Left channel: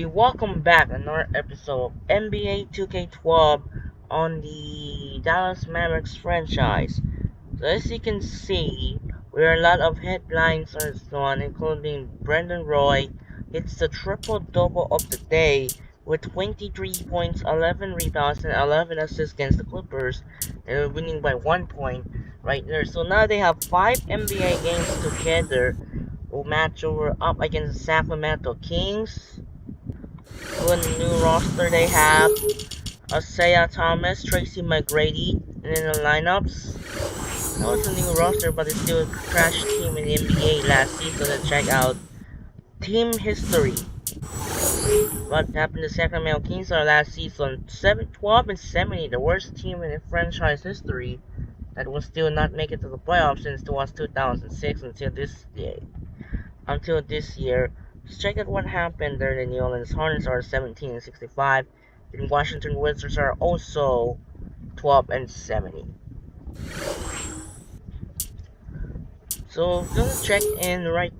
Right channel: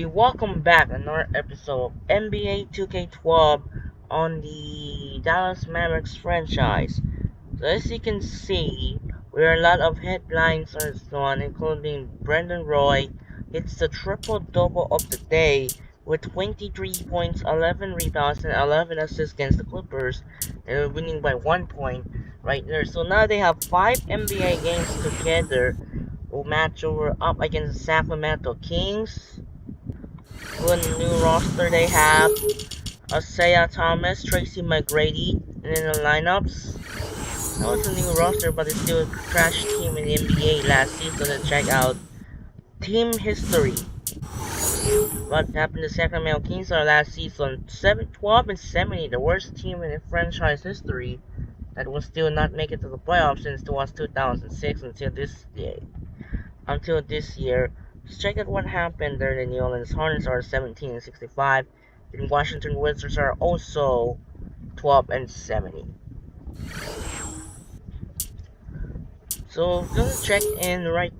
We welcome back another episode of NBA 2K12 on the Dallas Mavericks franchise. So as you can see, there are a lot of headlines on this one, including Brendan Roy hits the triple-double of the day with 23 points, 11 rebounds, and 11 assists against the Clippers. They're winning by 1 point right there. So now they have 5 NBA games together. Will match over up against the Sacramento Kings. What new roster they have? Isaiah Thomas, Tracy McGrady, and in the lineups. That was a new roster, but it's still a trash team in the NBA last season. To check out team history. What happened to Sacramento Kings last season? 12 and 70, the worst team in the franchise history that will still not make it to the playoffs since it was 2006 until this year. Let's check out what happened there. The New Orleans Hornets are 17 and 65. The Washington Wizards are also 12 and 70. So just check in right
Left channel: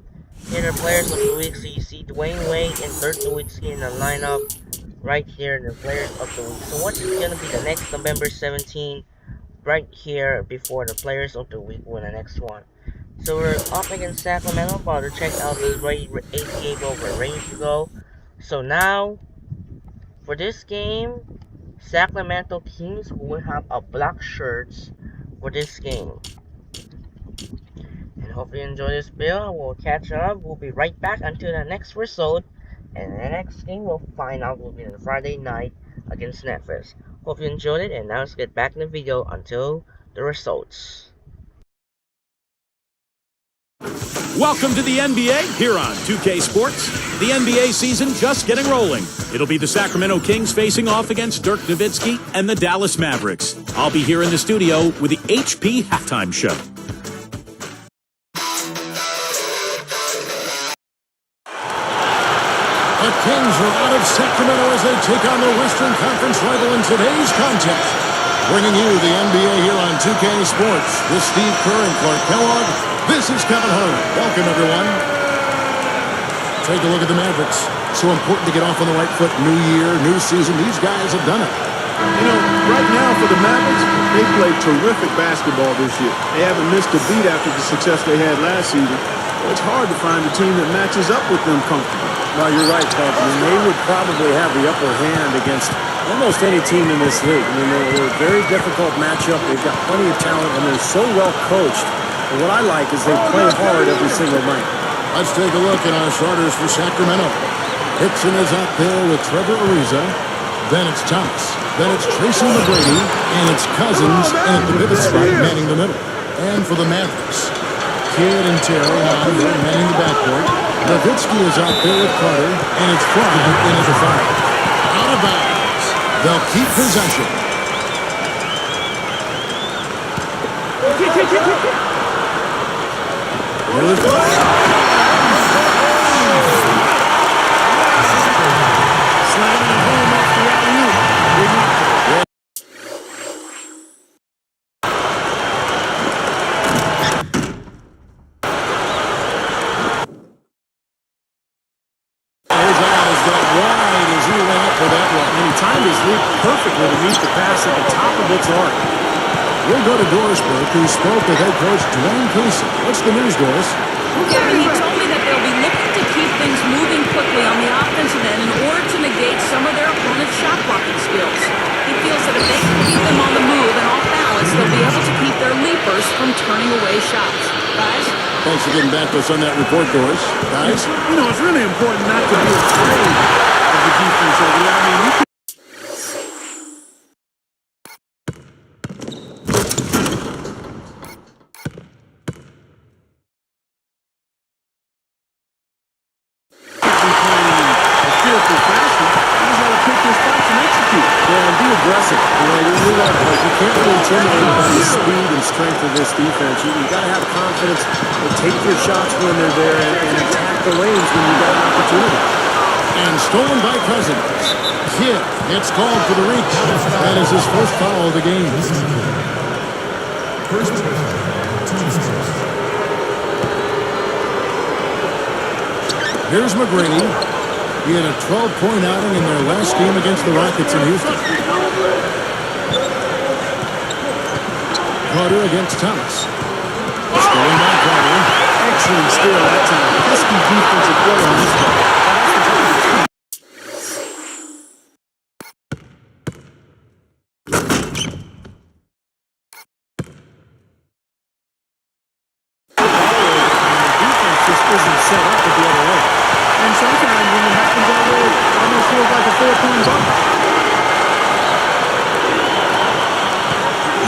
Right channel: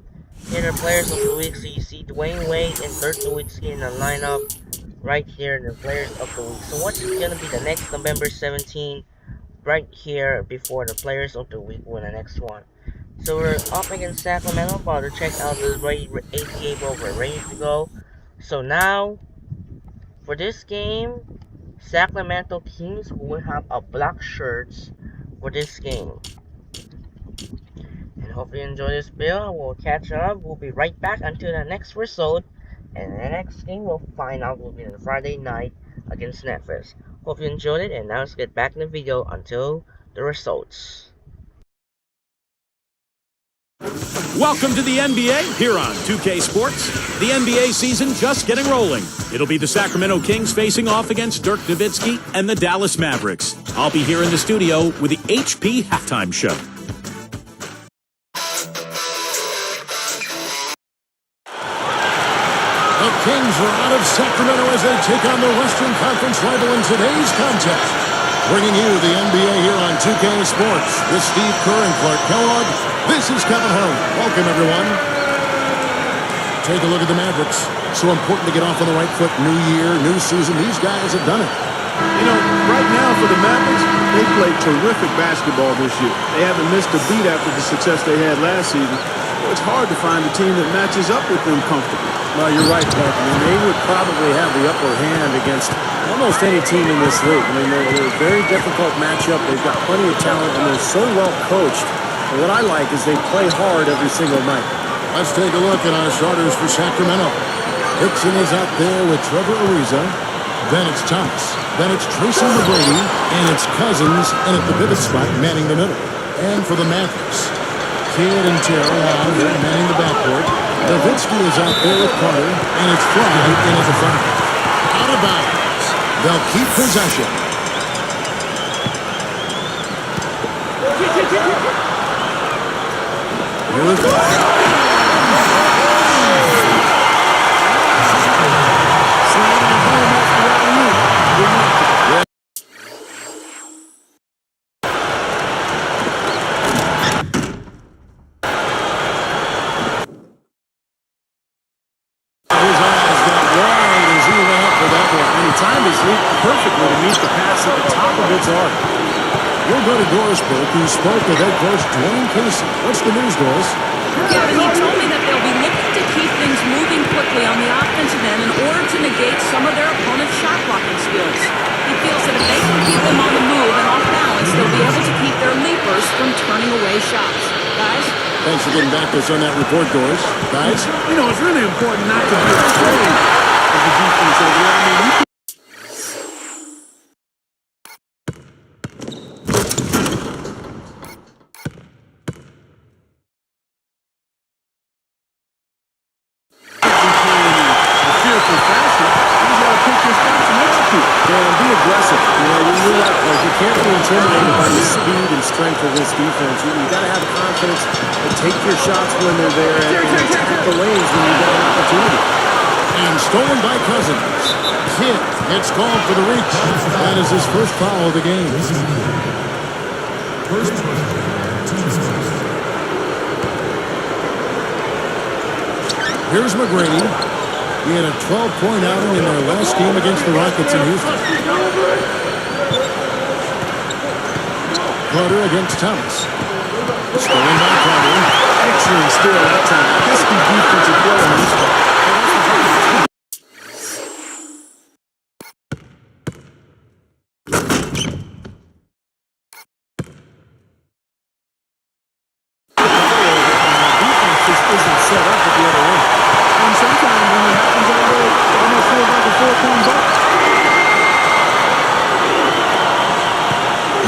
here the players of the week. So you see Dwayne Wade and Dirk Nowitzki in the lineup right here, the players of the week. So what's gonna be the next November 17 right here before the players of the week win the next one. So we're up against Sacramento, about to check out the ATA bowl. We're ready to go. So now, for this game, Sacramento Kings will have a black shirts for this game. And hope you enjoy this video. We'll catch up. We'll be right back until the next result. And the next game we'll find out will be on Friday night against Memphis. Hope you enjoyed it, and now let's get back in the video until the results. Welcome to the NBA here on 2K Sports. The NBA season just getting rolling. It'll be the Sacramento Kings facing off against Dirk Nowitzki and the Dallas Mavericks. I'll be here in the studio with the HP Halftime Show. The Kings are out of Sacramento as they take on their Western Conference rival in today's contest. Bringing you the NBA here on 2K Sports with Steve Kerr and Clark Kellogg. This is Kevin Harlan. Welcome, everyone. Take a look at the Mavericks. So important to get off on the right foot. New year, new season. These guys have done it. You know, right now for the Mavericks, they played terrific basketball this year. They haven't missed a beat after the success they had last season. Well, it's hard to find a team that matches up with them comfortably. Well, you're right, Clark. I mean, they would probably have the upper hand against almost any team in this league. I mean, they're a very difficult matchup. They've got plenty of talent, and they're so well coached. And what I like is they play hard every single night. Let's take a look at our starters for Sacramento. Hickson is out there with Trevor Ariza. Then it's Thomas. Then it's Tracy McGrady. And it's Cousins in at the pivot spot, manning the middle. And for the Mavericks, Kidd and Terry Hahn manning the backcourt. Nowitzki is out there with Carter. And it's Fry in at the 5. Out of bounds. They'll keep possession. Here's the Slamming it home off the alley-oop. Remarkable. His eyes got wide as he went up for that one. And he timed his leap perfectly to meet the pass at the top of its arc. We'll go to Doris Burke, who spoke with head coach Dwayne Casey. What's the news, Doris? Kevin, he told me that they'll be looking to keep things moving quickly on the offensive end in order to negate some of their opponent's shot blocking skills. He feels that if they can keep them on the move and off balance, they'll be able to keep their leapers from turning away shots. Guys? Thanks for getting back to us on that report, Doris. Guys? You know, it's really important not to be afraid of the defense over there. I mean, you can fearful fashion. You just got to pick your spots and execute. Yeah, and be aggressive. You know, you're right, Clark. You can't be intimidated by the speed and strength of this defense. You got to have confidence and take your shots when they're there and attack the lanes when you got an opportunity. And stolen by Cousins. Kidd gets called for the reach. That is his first foul of the game. First personal foul, team's first. Here's McGrady. He had a 12-point outing in their last game against the Rockets in Houston. Carter against Thomas. Stolen by Carter. Excellent steal that time. Pesky defensive play on this ball. Just isn't set up at the other end. And sometimes when it happens that way, it almost feels like a 4-point bucket.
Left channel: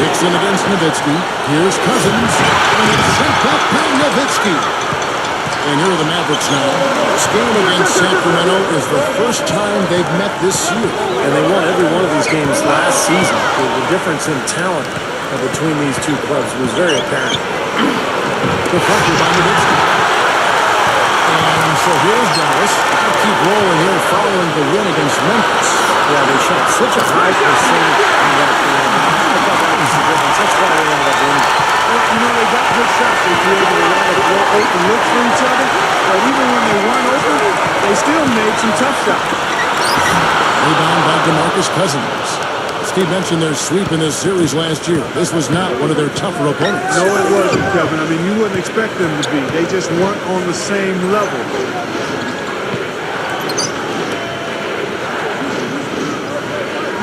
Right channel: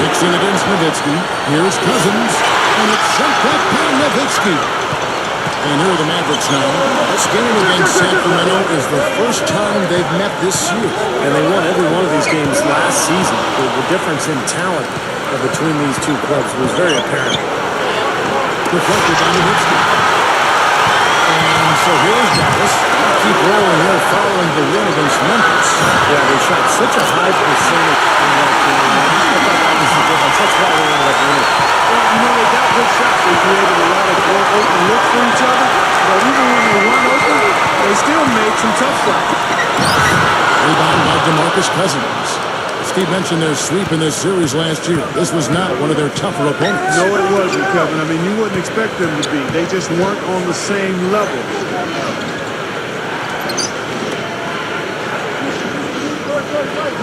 Nixon against Nowitzki. Here's Cousins. And it's sent back by Nowitzki. And here are the Mavericks now. This game against Sacramento is the first time they've met this year. And they won every one of these games last season. The difference in talent between these two clubs was very apparent. Deflected by Nowitzki. And so here's Dallas. Keep rolling here following the win against Memphis. Yeah, they shot such a high percentage in that game. I thought that was the difference. That's why they ended up winning. Well, you know, they got good shots. They created a lot of open looks for each other. But even when they weren't open, they still made some tough shots. Rebound by DeMarcus Cousins. Steve mentioned their sweep in this series last year. This was not one of their tougher opponents. No, it wasn't, Kevin. I mean, you wouldn't expect them to be. They just weren't on the same level.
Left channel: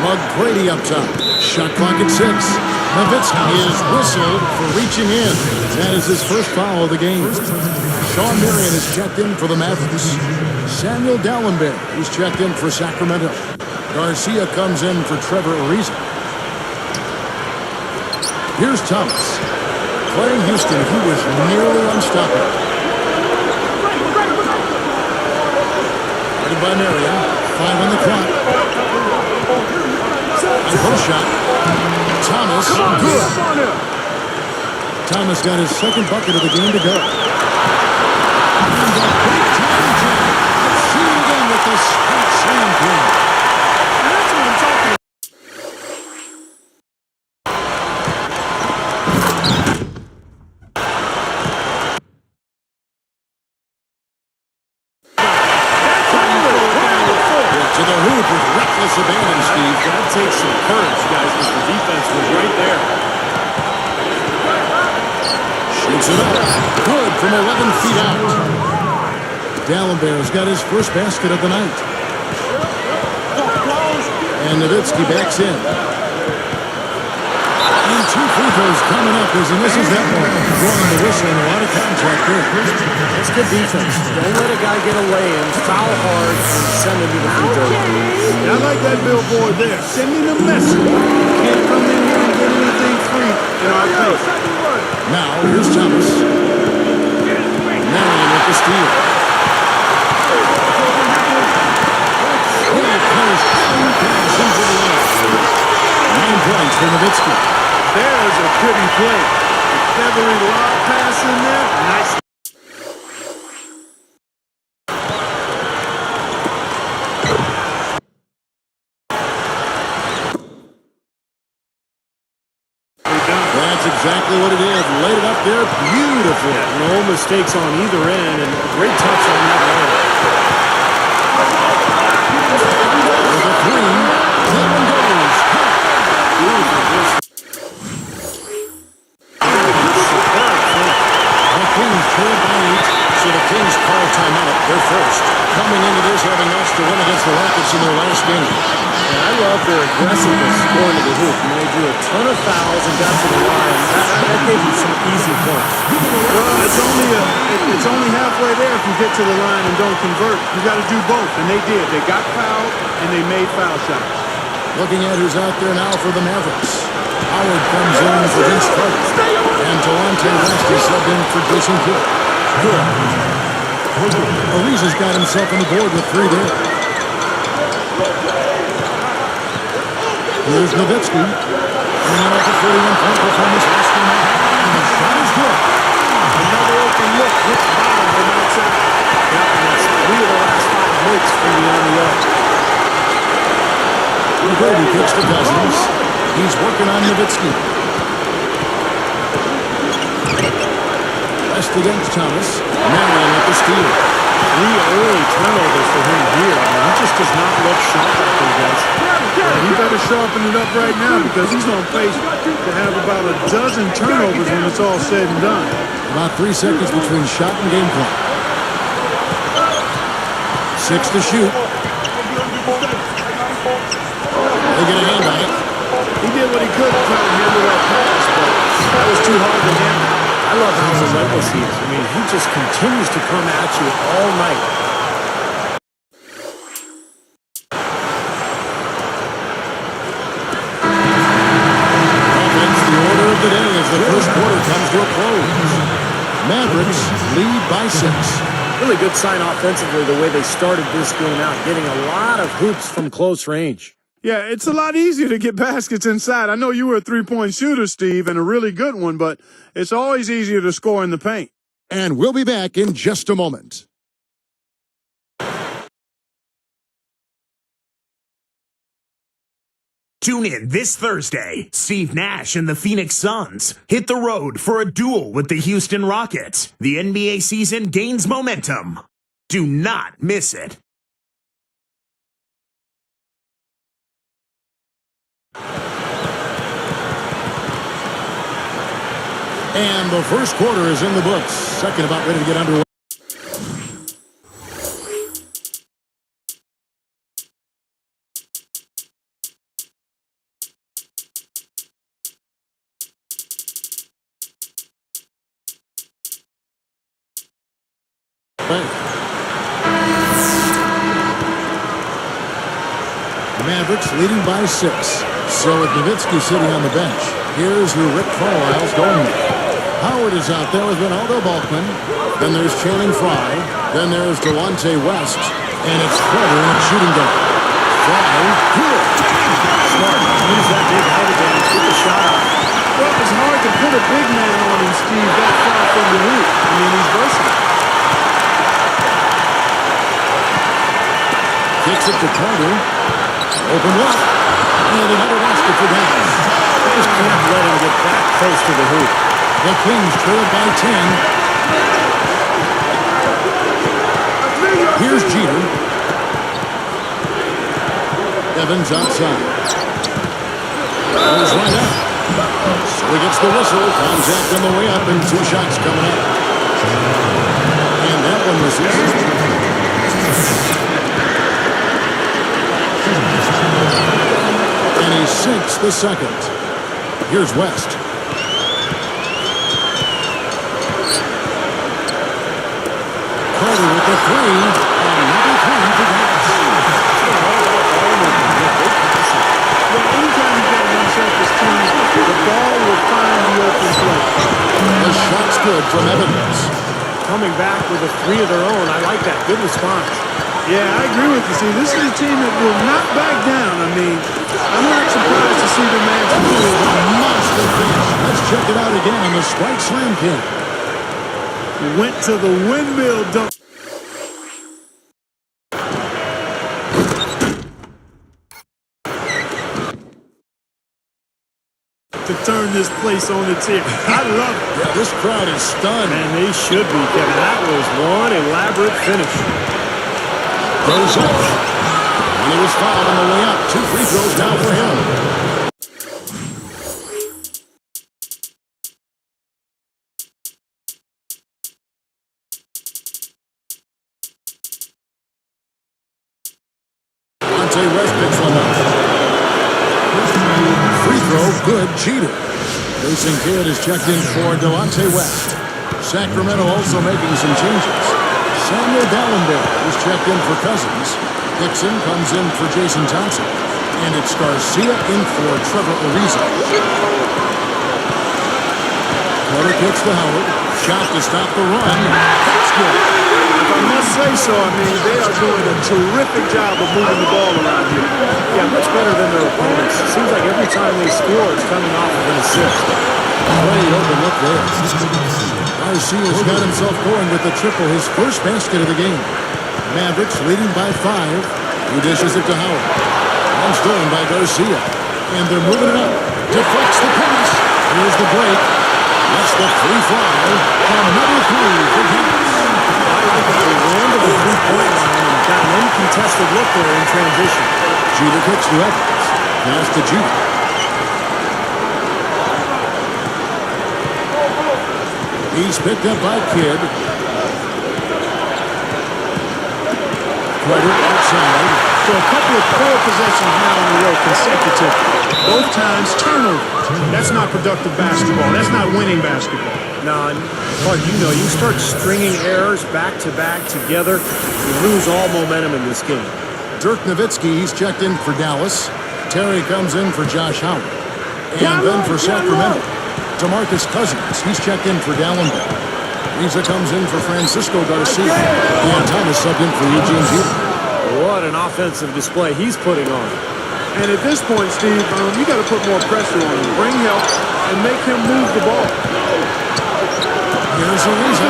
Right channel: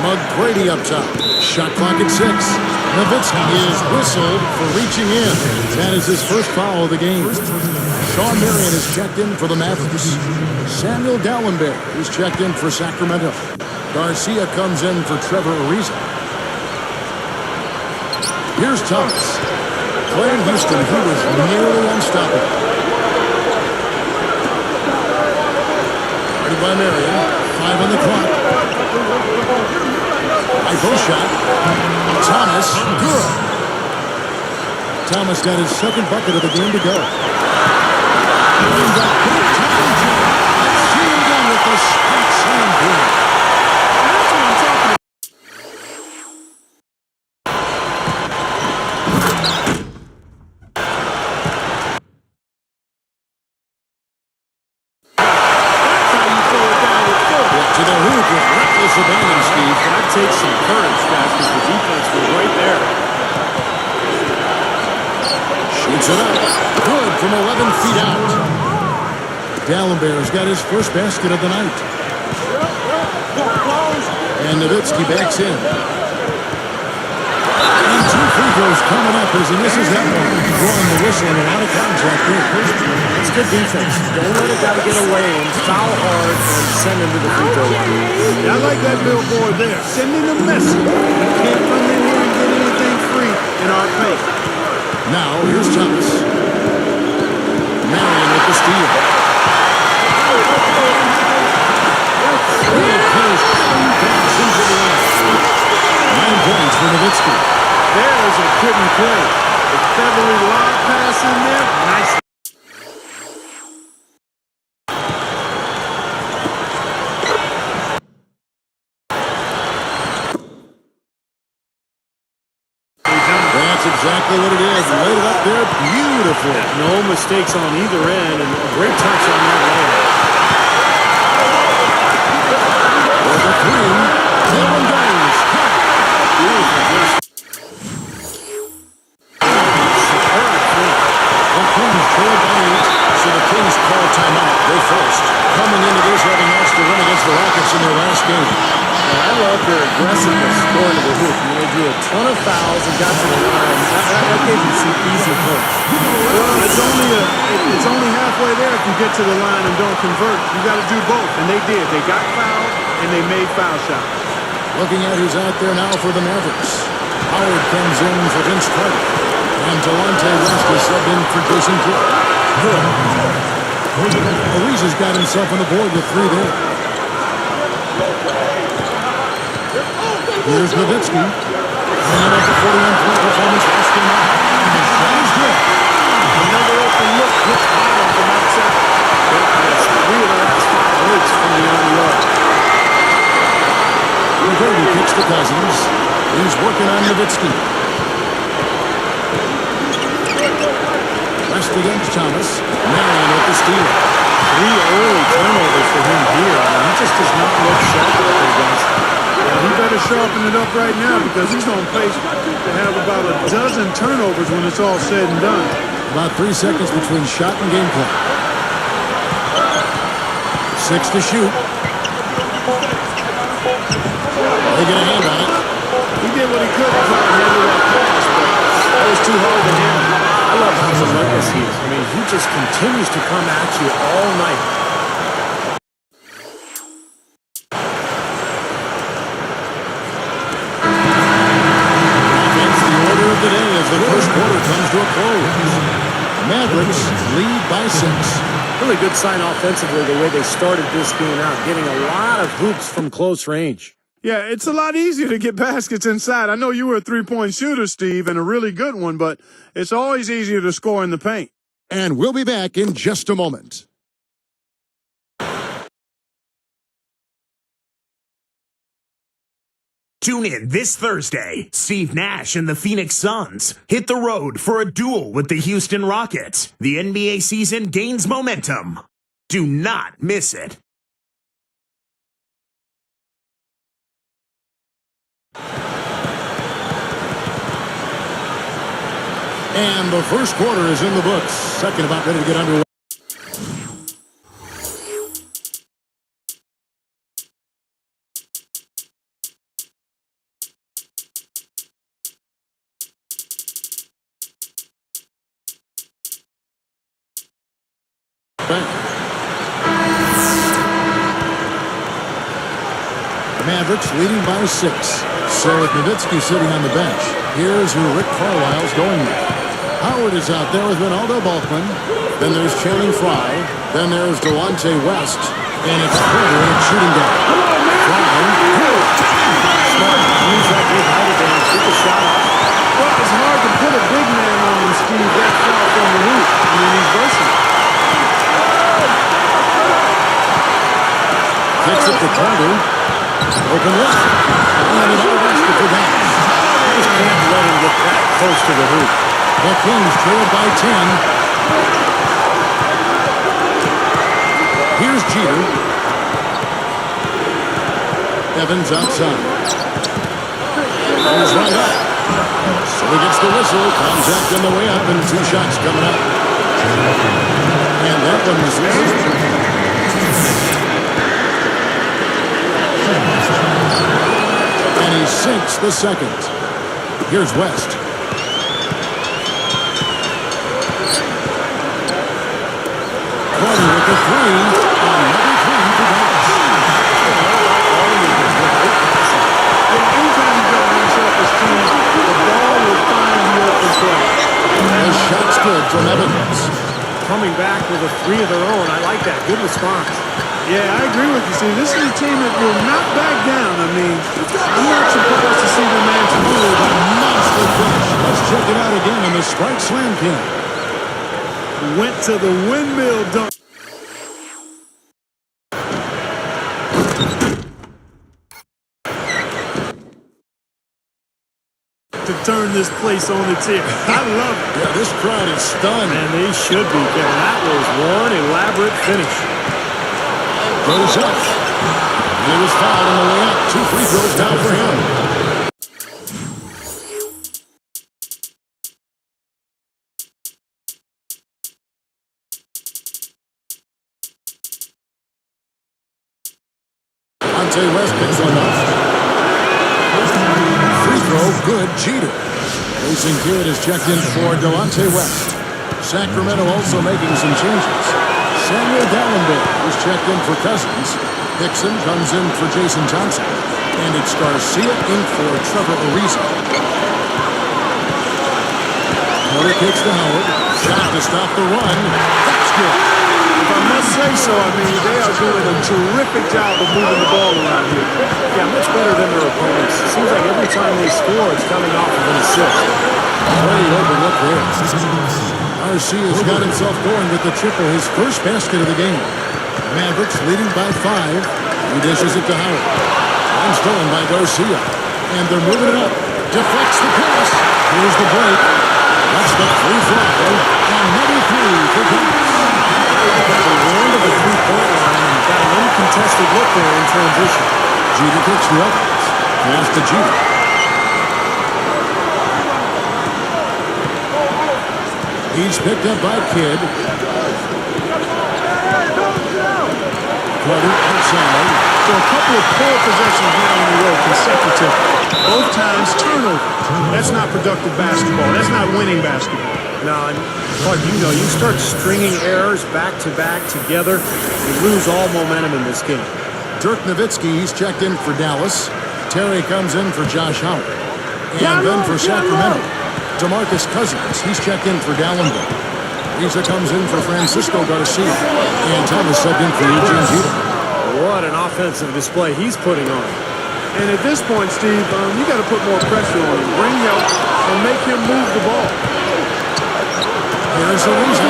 McGrady up top. Shot clock at 6. Nowitzki is whistled for reaching in. That is his first foul of the game. Sean Marion is checked in for the Mavericks. Samuel Dallenberg is checked in for Sacramento. Garcia comes in for Trevor Ariza. Here's Thomas. Playing Houston, he was nearly unstoppable. Guarded by Marion. 5 on the clock. High post shot. Thomas, good. Thomas got his second bucket of the game to go. And the big-time jump. Let's see it again with the spike slam period. And that's what I'm talking about. That's how you throw it down with four. To the hoop with reckless abandon, Steve. That takes some courage, guys, because the defense was right there. Shoots it up. Good from 11 feet out. Dallenberg's got his first basket of the night. And Nowitzki backs in. And 2 free throws coming up as he misses that one. Blowing the whistle and a lot of contact there. It's good defense. Don't let a guy get away and foul hard and send him to the free throw line. Yeah, I like that billboard there. Sending a message. You can't come in here and get anything free in our pace. Now, here's Thomas. Marion with the steal. Well placed. Pass into the air. 9 points for Nowitzki. There's a pretty play. A feathery lob pass in there. Nice. That's exactly what it is. Laid it up there beautifully. Yeah, no mistakes on either end, and a great touch on that layup. With a 3. That one goes. Beautiful dish. Superb finish. The Kings trailed by 8, so the Kings call timeout. They're first. Coming into this having lost the win against the Rockets in their last game. And I love their aggressiveness going to the hoop. I mean, they drew a ton of fouls and got to the line. That gave them some easy points. Well, it's only halfway there if you get to the line and don't convert. You got to do both, and they did. They got fouled, and they made foul shots. Looking at who's out there now for the Mavericks. Howard comes in for Vince Carter. And Delonte West is subbed in for Jason Kidd. Good. Ariza's got himself on the board with 3 there. Here's Nowitzki. Coming off a 41-point performance last game out. And the shot is good. Another open look hits bottom from outside. Yep, and that's 3 of the last 5 makes from beyond the arc. McGrady kicks to Cousins. He's working on Nowitzki. West against Thomas. Marion with the steal. 3 early turnovers for him here. I mean, he just does not look sharp out there, guys. Well, he better sharpen it up right now because he's on pace to have about a dozen turnovers when it's all said and done. About 3 seconds between shot and game clock. 6 to shoot. They get a hand on it. He did what he could to try to handle that pass, but that was too hard to handle. I love how relentless he is. I mean, he just continues to come at you all night. Offense, the order of the day as the first quarter comes to a close. Mavericks lead by 6. Really good sign offensively the way they started this game out, getting a lot of hoops from close range. Yeah, it's a lot easier to get baskets inside. I know you were a three-point shooter, Steve, and a really good one, but it's always easier to score in the paint. And we'll be back in just a moment. Tune in this Thursday. Steve Nash and the Phoenix Suns hit the road for a duel with the Houston Rockets. The NBA season gains momentum. Do not miss it. And the first quarter is in the books. Second about ready to get underway. Mavericks leading by 6. So with Nowitzki sitting on the bench, here's who Rick Carlisle's going with. Howard is out there with Ronaldo Balkman. Then there's Channing Frye. Then there's Delonte West. And it's Carter in a shooting guard. Frye, good. Smart. Use that big height advantage. Get the shot off. Well, it's hard to put a big man on him, Steve, that far from the hoop. I mean, he's versatile. Kicks it to Carter. Open look. And another basket for Dallas. You just can't let him get that close to the hoop. The Kings trail by 10. Here's Jeter. Evans outside. Goes right up. So he gets the whistle. Contact on the way up and 2 shots coming up. And that one misses. And he sinks the second. Here's West. Carter with the 3. Another 3 for Dallas. All about ball movement. Great passing. Yeah, anytime you've got an unselfish team, the ball will find the open play. The shot's good from Evans. Coming back with a 3 of their own. I like that. Good response. Yeah, I agree with you. See, this is a team that will not back down. I mean, I'm not surprised to see them match move. A monster finish. Let's check it out again on the Sprite Slam Cam. Went to the windmill dunk. To turn this place on its ear. I love it. Yeah, this crowd is stunned. Man, they should be, Kevin. That was one elaborate finish. Goes up. And he was fouled on the way up. 2 free throws now for him. Delonte West picks one up. Free throw, good. Jeter. Jason Kidd is checked in for Delonte West. Sacramento also making some changes. Samuel Dallenberg is checked in for Cousins. Dixon comes in for Jason Thompson. And it's Garcia in for Trevor Ariza. Carter kicks to Howard. Shot to stop the run. That's good. If I must say so, I mean, they are doing a terrific job of moving the ball around here. Yeah, much better than their opponents. It seems like every time they score, it's coming off of an assist. Great open look there. Garcia's got himself going with the triple, his first basket of the game. Mavericks leading by 5. He dishes it to Howard. One stolen by Garcia. And they're moving it up. Deflects the pass. Here's the break. That's the free fly. Another three for Dallas. I like that they ran to the three-point line and got an uncontested look there in transition. Jeter kicks to Evans. Pass to Jeter. He's picked up by Kidd. Carter outside. So a couple of poor possessions now in a row consecutive. Both times turnover. That's not productive basketball. That's not winning basketball. No, and Clark, you start stringing errors back-to-back together, you lose all momentum in this game. Dirk Nowitzki, he's checked in for Dallas. Terry comes in for Josh Howard. And then for Sacramento, DeMarcus Cousins, he's checked in for Dallenberg. Riza comes in for Francisco Garcia. And Thomas subbed in for Eugene Jeter. What an offensive display he's putting on. And at this point, Steve, you got to put more pressure on him. Bring help and make him move the ball. Here's Ariza.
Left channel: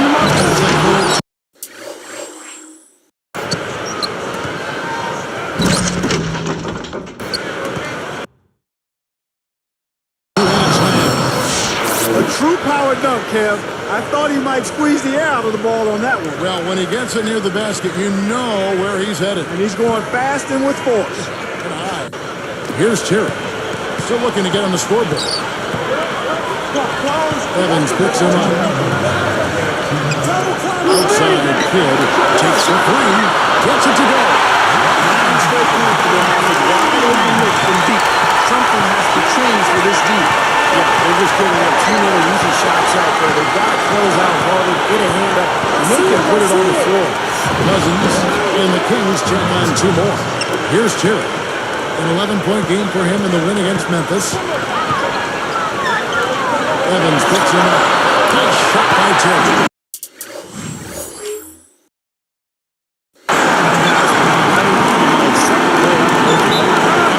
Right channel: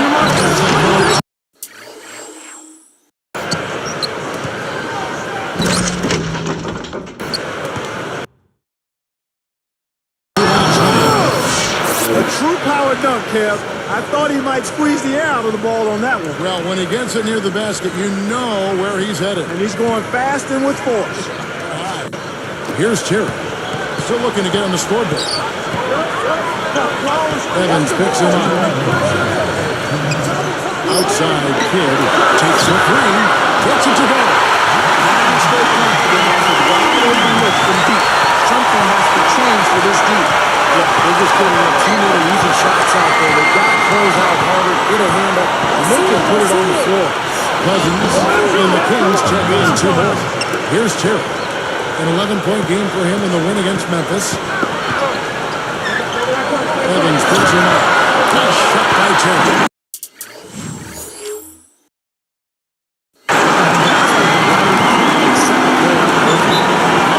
A true power dunk, Kev. I thought he might squeeze the air out of the ball on that one. Well, when he gets it near the basket, you know where he's headed. And he's going fast and with force. And high. Here's Terry. Still looking to get on the scoreboard. Evans picks him up. Outside Kidd takes the three. Gets it to go. 9 straight points for them off of wide open looks from deep. Something has to change for this deep. Yeah, they're just giving up too many easy shots out there. They've got to close out harder, get a hand up, make him put it on the floor. Cousins and the Kings check on 2 more. Here's Terry. An 11-point game for him in the win against Memphis. Evans picks him up. Nice shot by Terry. Now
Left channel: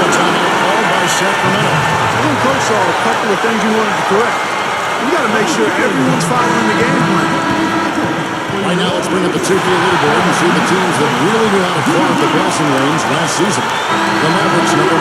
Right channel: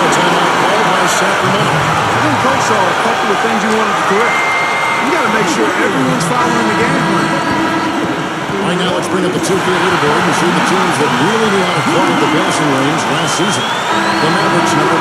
a timeout called by Sacramento. I think Coach saw a couple of things he wanted to correct. You got to make sure everyone's following the game plan. Right now, let's bring up the 2K leaderboard and see the teams that really knew how to clog the passing lanes last season. The Mavericks, number 1.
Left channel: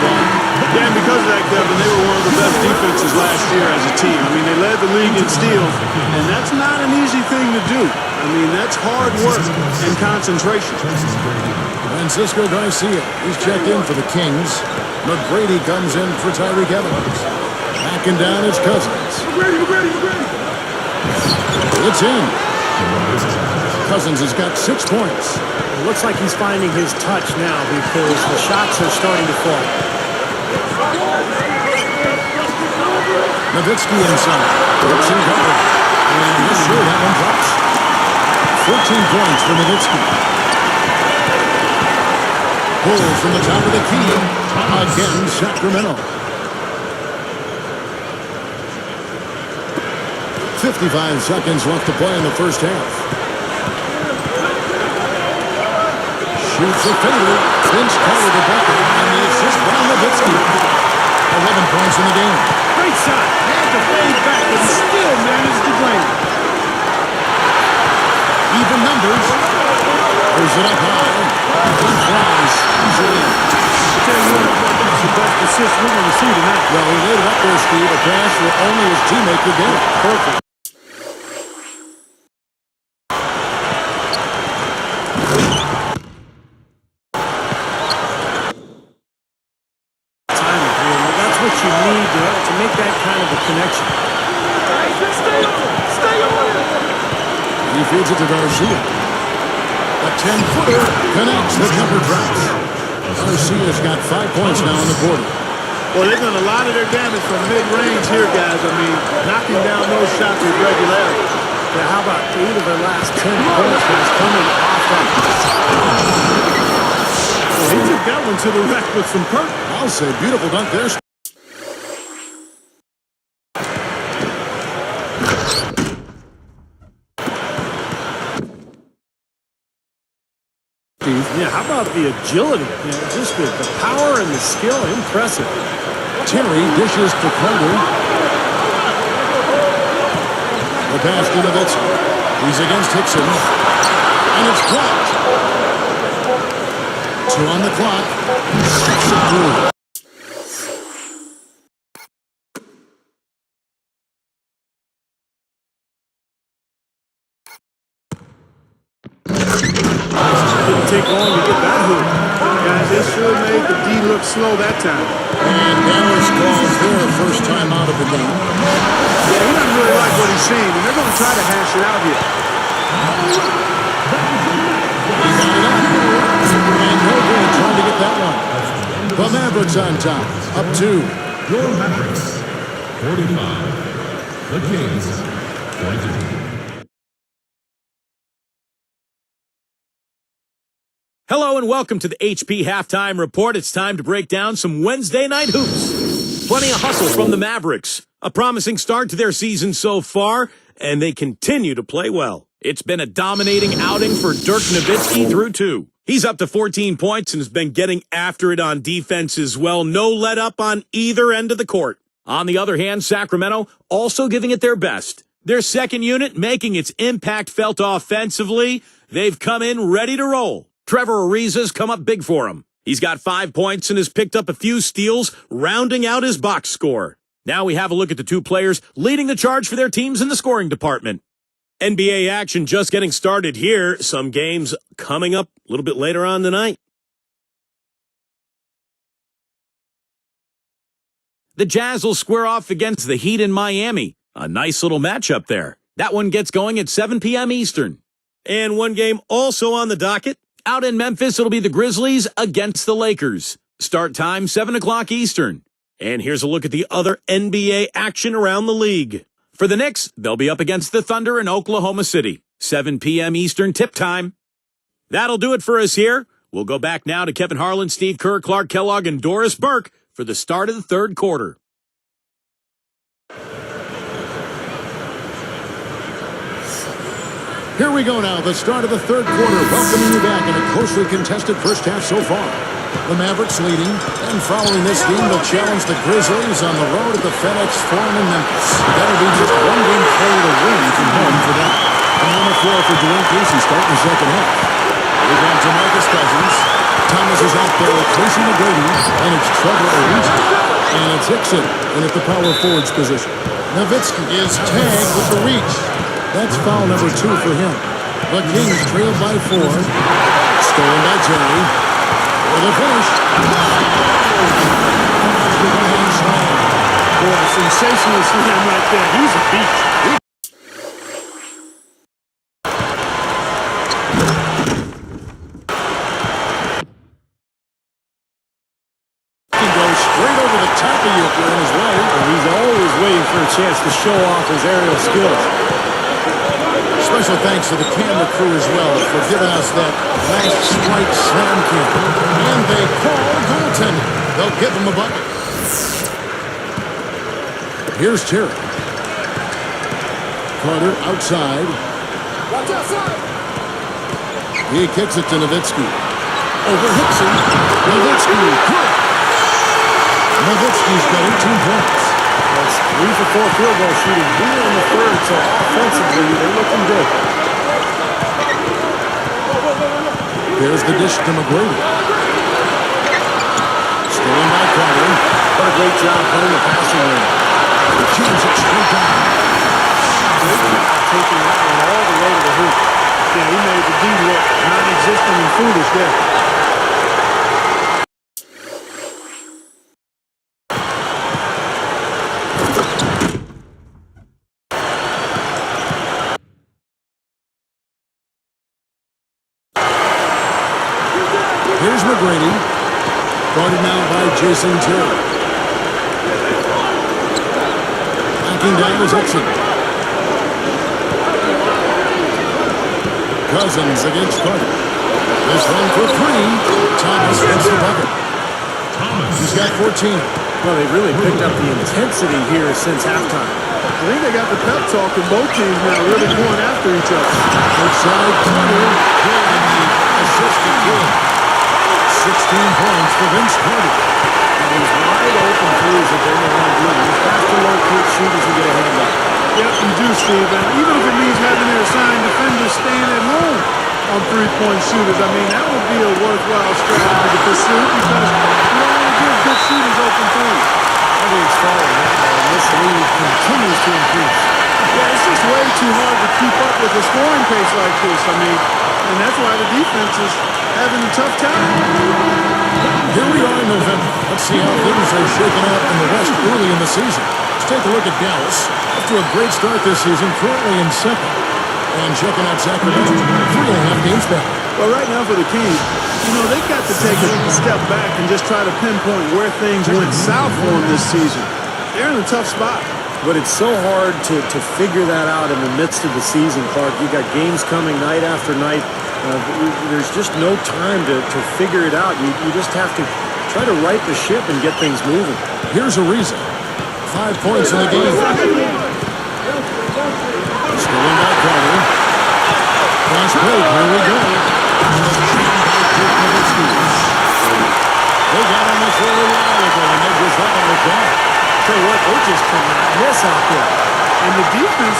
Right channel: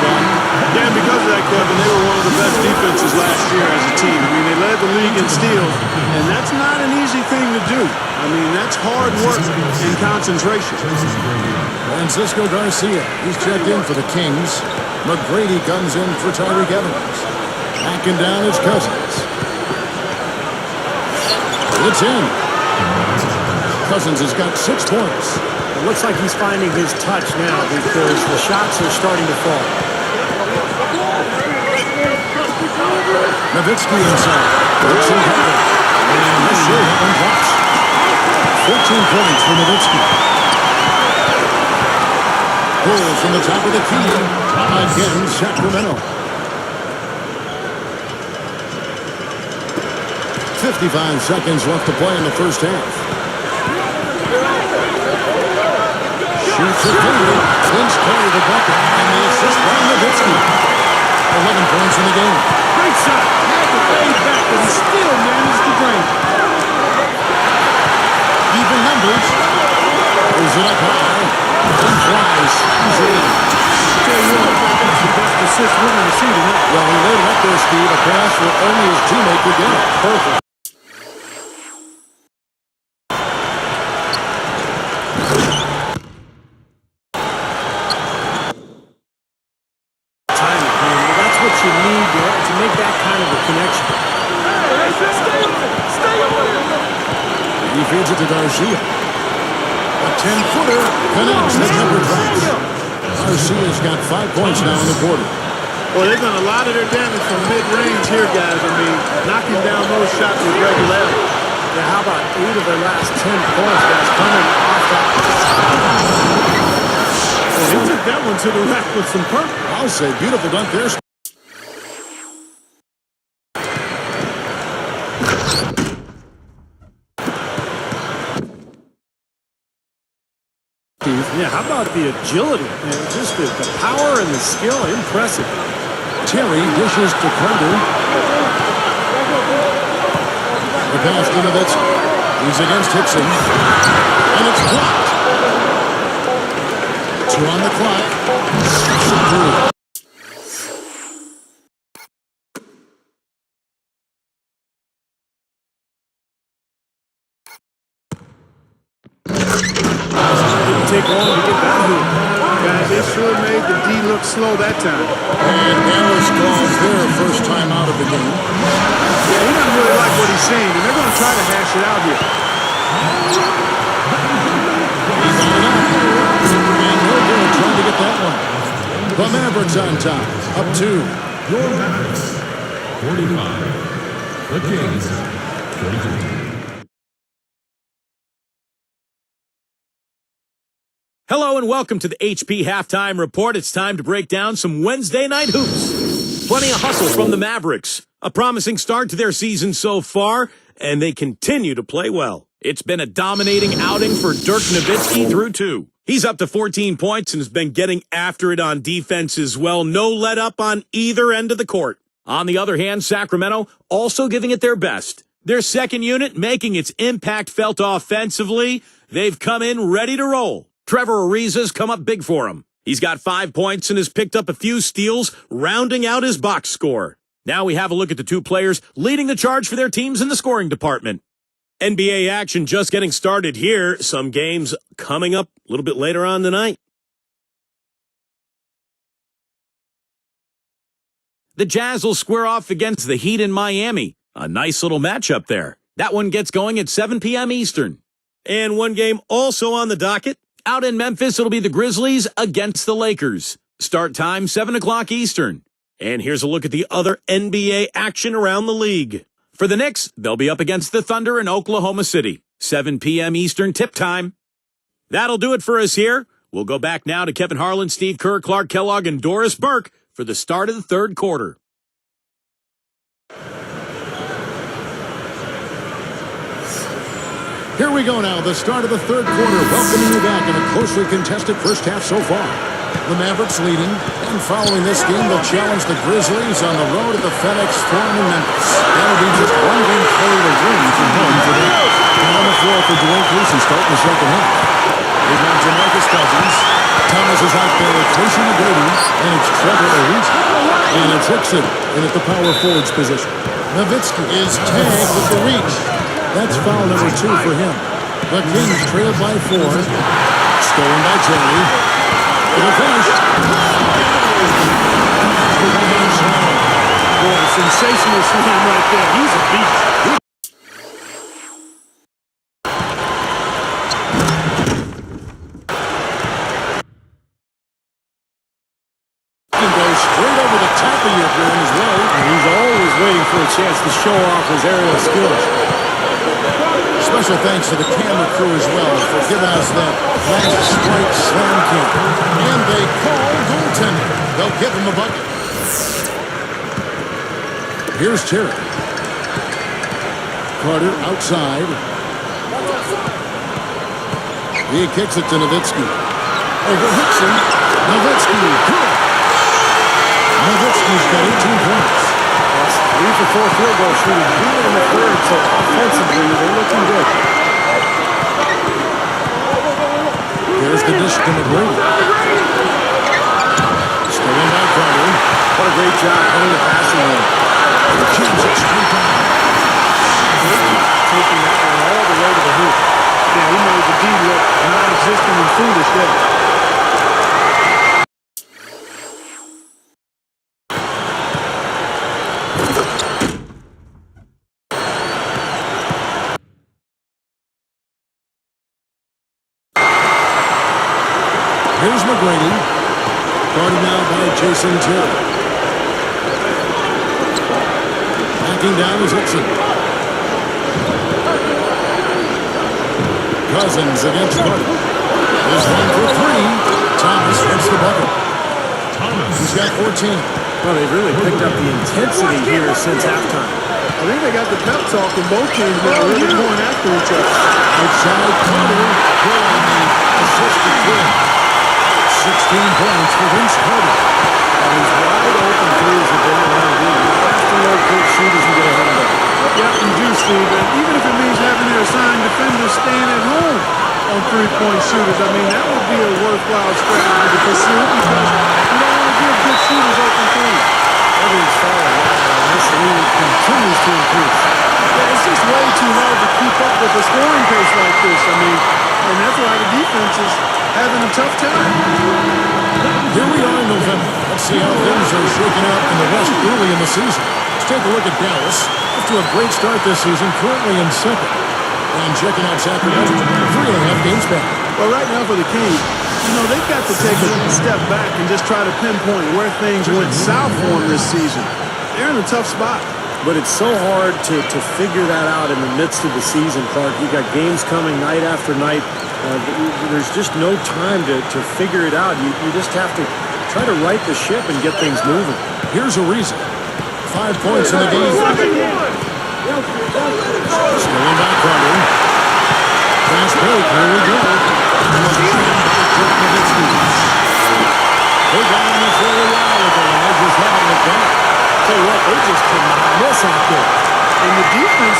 Yeah, and because of that, Kevin, they were one of the best defenses last year as a team. I mean, they led the league in steals, and that's not an easy thing to do. I mean, that's hard work and concentration. Francisco Garcia, he's checked in for the Kings. McGrady comes in for Tyreek Evans. Backing down his Cousins. It's in. Cousins has got 6 points. It looks like he's finding his touch now because the shots are starting to fall. Nowitzki inside. Brooks in cover. And yes, sure, that one drops. 14 points for Nowitzki. Pull from the top of the key. Again, Sacramento. 55 seconds left to play in the first half. Shoots a fader. Vince Carter the bucket. And the assist by Nowitzki. 11 points in the game. Great shot. Had to fade back, but he still managed to drain it. Even numbers. Throws it up high. And flies easily. I tell you what, that's the best assist we're going to see tonight. Well, he laid it up there, Steve. A pass where only his teammate could get it. Perfect. Timing, I mean, that's what you need to make that kind of a connection. Stay on it. Stay on it. He feeds it to Garcia. A 10-footer connects. The jumper drops. Garcia's got 5 points now in the quarter. Well, they've done a lot of their damage from mid-range here, guys. I mean, knocking down those shots with regularity. Yeah, how about 8 of their last 10 points, guys, coming off that. Well, he took that one to the rack with some purpose. I'll say beautiful dunk there. Steve. Yeah, how about the agility? Just the power and the skill, impressive. Terry dishes to Carter. The pass to Nowitzki. He's against Hickson. And it's blocked. 2 on the clock. Stuffs it through. take long to get that hoop. Guys, they sure made the D look slow that time. And Dallas calls their first time out of the game. Yeah, he doesn't really like what he's saying, and they're going to try to hash it out here. He got it up. And no good trying to get that one. The Mavericks on top, up 2. Your Mavericks, 45. The Kings, 43. Hello and welcome to the HP Halftime Report. It's time to break down some Wednesday night hoops. Plenty of hustle from the Mavericks. A promising start to their season so far, and they continue to play well. It's been a dominating outing for Dirk Nowitzki through 2. He's up to 14 points and has been getting after it on defense as well. No let up on either end of the court. On the other hand, Sacramento also giving it their best. Their second unit making its impact felt offensively. They've come in ready to roll. Trevor Ariza's come up big for him. He's got 5 points and has picked up a few steals, rounding out his box score. Now we have a look at the 2 players leading the charge for their teams in the scoring department. NBA action just getting started here. Some games coming up a little bit later on tonight. The Jazz will square off against the Heat in Miami. A nice little matchup there. That one gets going at 7 p.m. Eastern. And one game also on the docket. Out in Memphis, it'll be the Grizzlies against the Lakers. Start time, 7 o'clock Eastern. And here's a look at the other NBA action around the league. For the Knicks, they'll be up against the Thunder in Oklahoma City. 7 p.m. Eastern tip time. That'll do it for us here. We'll go back now to Kevin Harlan, Steve Kerr, Clark Kellogg, and Doris Burke for the start of the third quarter. Here we go now, the start of the third quarter, welcoming you back in a closely contested first half so far. The Mavericks leading, and following this game, they'll challenge the Grizzlies on the road at the FedEx Forum in Memphis. That'll be just one game played away from home for them. And on the floor for Dwayne Casey starting the second half. We've got DeMarcus Cousins. Thomas is out there with Tracy McGrady, and it's Trevor Ariza. And it's Hickson in at the power forwards position. Nowitzki is tagged with the reach. That's foul number 2 for him. The Kings trailed by 4. Stolen by Jerry. For the finish. With a hand slam. Boy, a sensational slam right there. He's a beast. He can go straight over the top of you if you're in his way. And he's always waiting for a chance to show off his aerial skills. Special thanks to the camera crew as well for giving us that last strike slam cam. And they call goaltending. They'll give him a bucket. Here's Terry. Carter outside. Watch outside. He kicks it to Nowitzki. Over Hickson. Nowitzki. Nowitzki's got 18 points. That's 3 for 4 field goal shooting here in the third, so offensively, they're looking good. There's the dish to McGrady. Stolen by Carter. What a great job playing the passing lane. James it straight down. Great job taking that one all the way to the hoop. Yeah, he made the D look non-existent and foolish there. Here's McGrady. Guarded now by Jason Terry. Backing down is Hickson. Cousins against Carter. This one for 3. Thomas hits the bucket. He's got 14. Well, they've really picked up the intensity here since halftime. I think they got the pep talk in both teams now, really going after each other. Outside Carter. Good in the assist to Kidd. 16 points for Vince Carter. Now, these wide open threes have been their own good. You have to locate shooters and get a hand up. Yep, you do, Steve. And even if it means having their assigned defenders staying at home on three-point shooters, I mean, that would be a worthwhile strategy to pursue because you don't want to give good shooters open threes. Everything's falling now, and this lead continues to increase. Yeah, it's just way too hard to keep up with a scoring pace like this. I mean, and that's why the defenses having a tough time. Here we are in November. Let's see how things are shaking up in the West early in the season. Let's take a look at Dallas. Off to a great start this season, currently in second. And checking out Sacramento, 3.5 games back. Well, right now for the Kings, you know, they've got to take a step back and just try to pinpoint where things went south for them this season. They're in a tough spot. But it's so hard to figure that out in the midst of the season, Clark. You got games coming night after night. There's just no time to figure it out. You just have to try to right the ship and get things moving. Here's Ariza. 5 points in the game. Stolen by Carter. Fast break. Here we go. And the jam by Dirk Nowitzki. They got on this a little while ago, and they just haven't looked back. Tell you what, they just cannot miss out there. And the defense...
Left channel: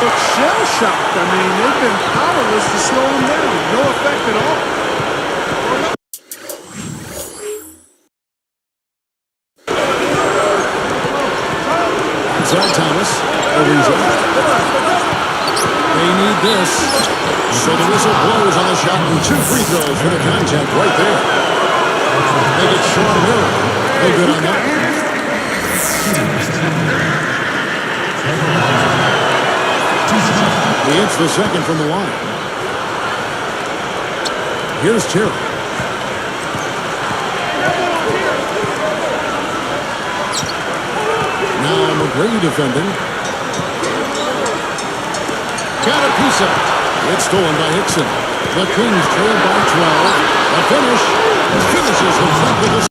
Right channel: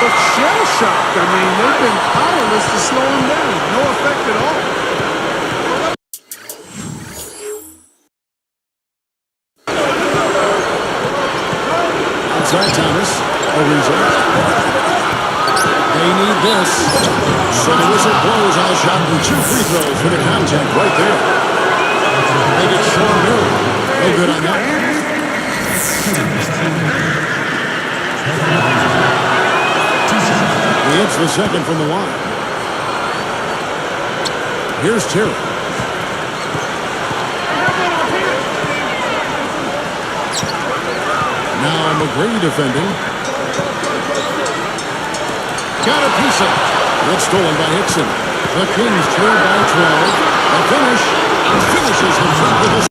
look shell-shocked. I mean, they've been powerless to slow him down. No effect at all. Outside Thomas. Ariza. They need this. So the whistle blows on the shot and 2 free throws for the contact right there. They get Sean Miller. No good on that. He hits the second from the line. Here's Terry. Now McGrady defending. Got a piece of it. It's stolen by Hickson. The Kings trail by 12. The finish finishes the break with a...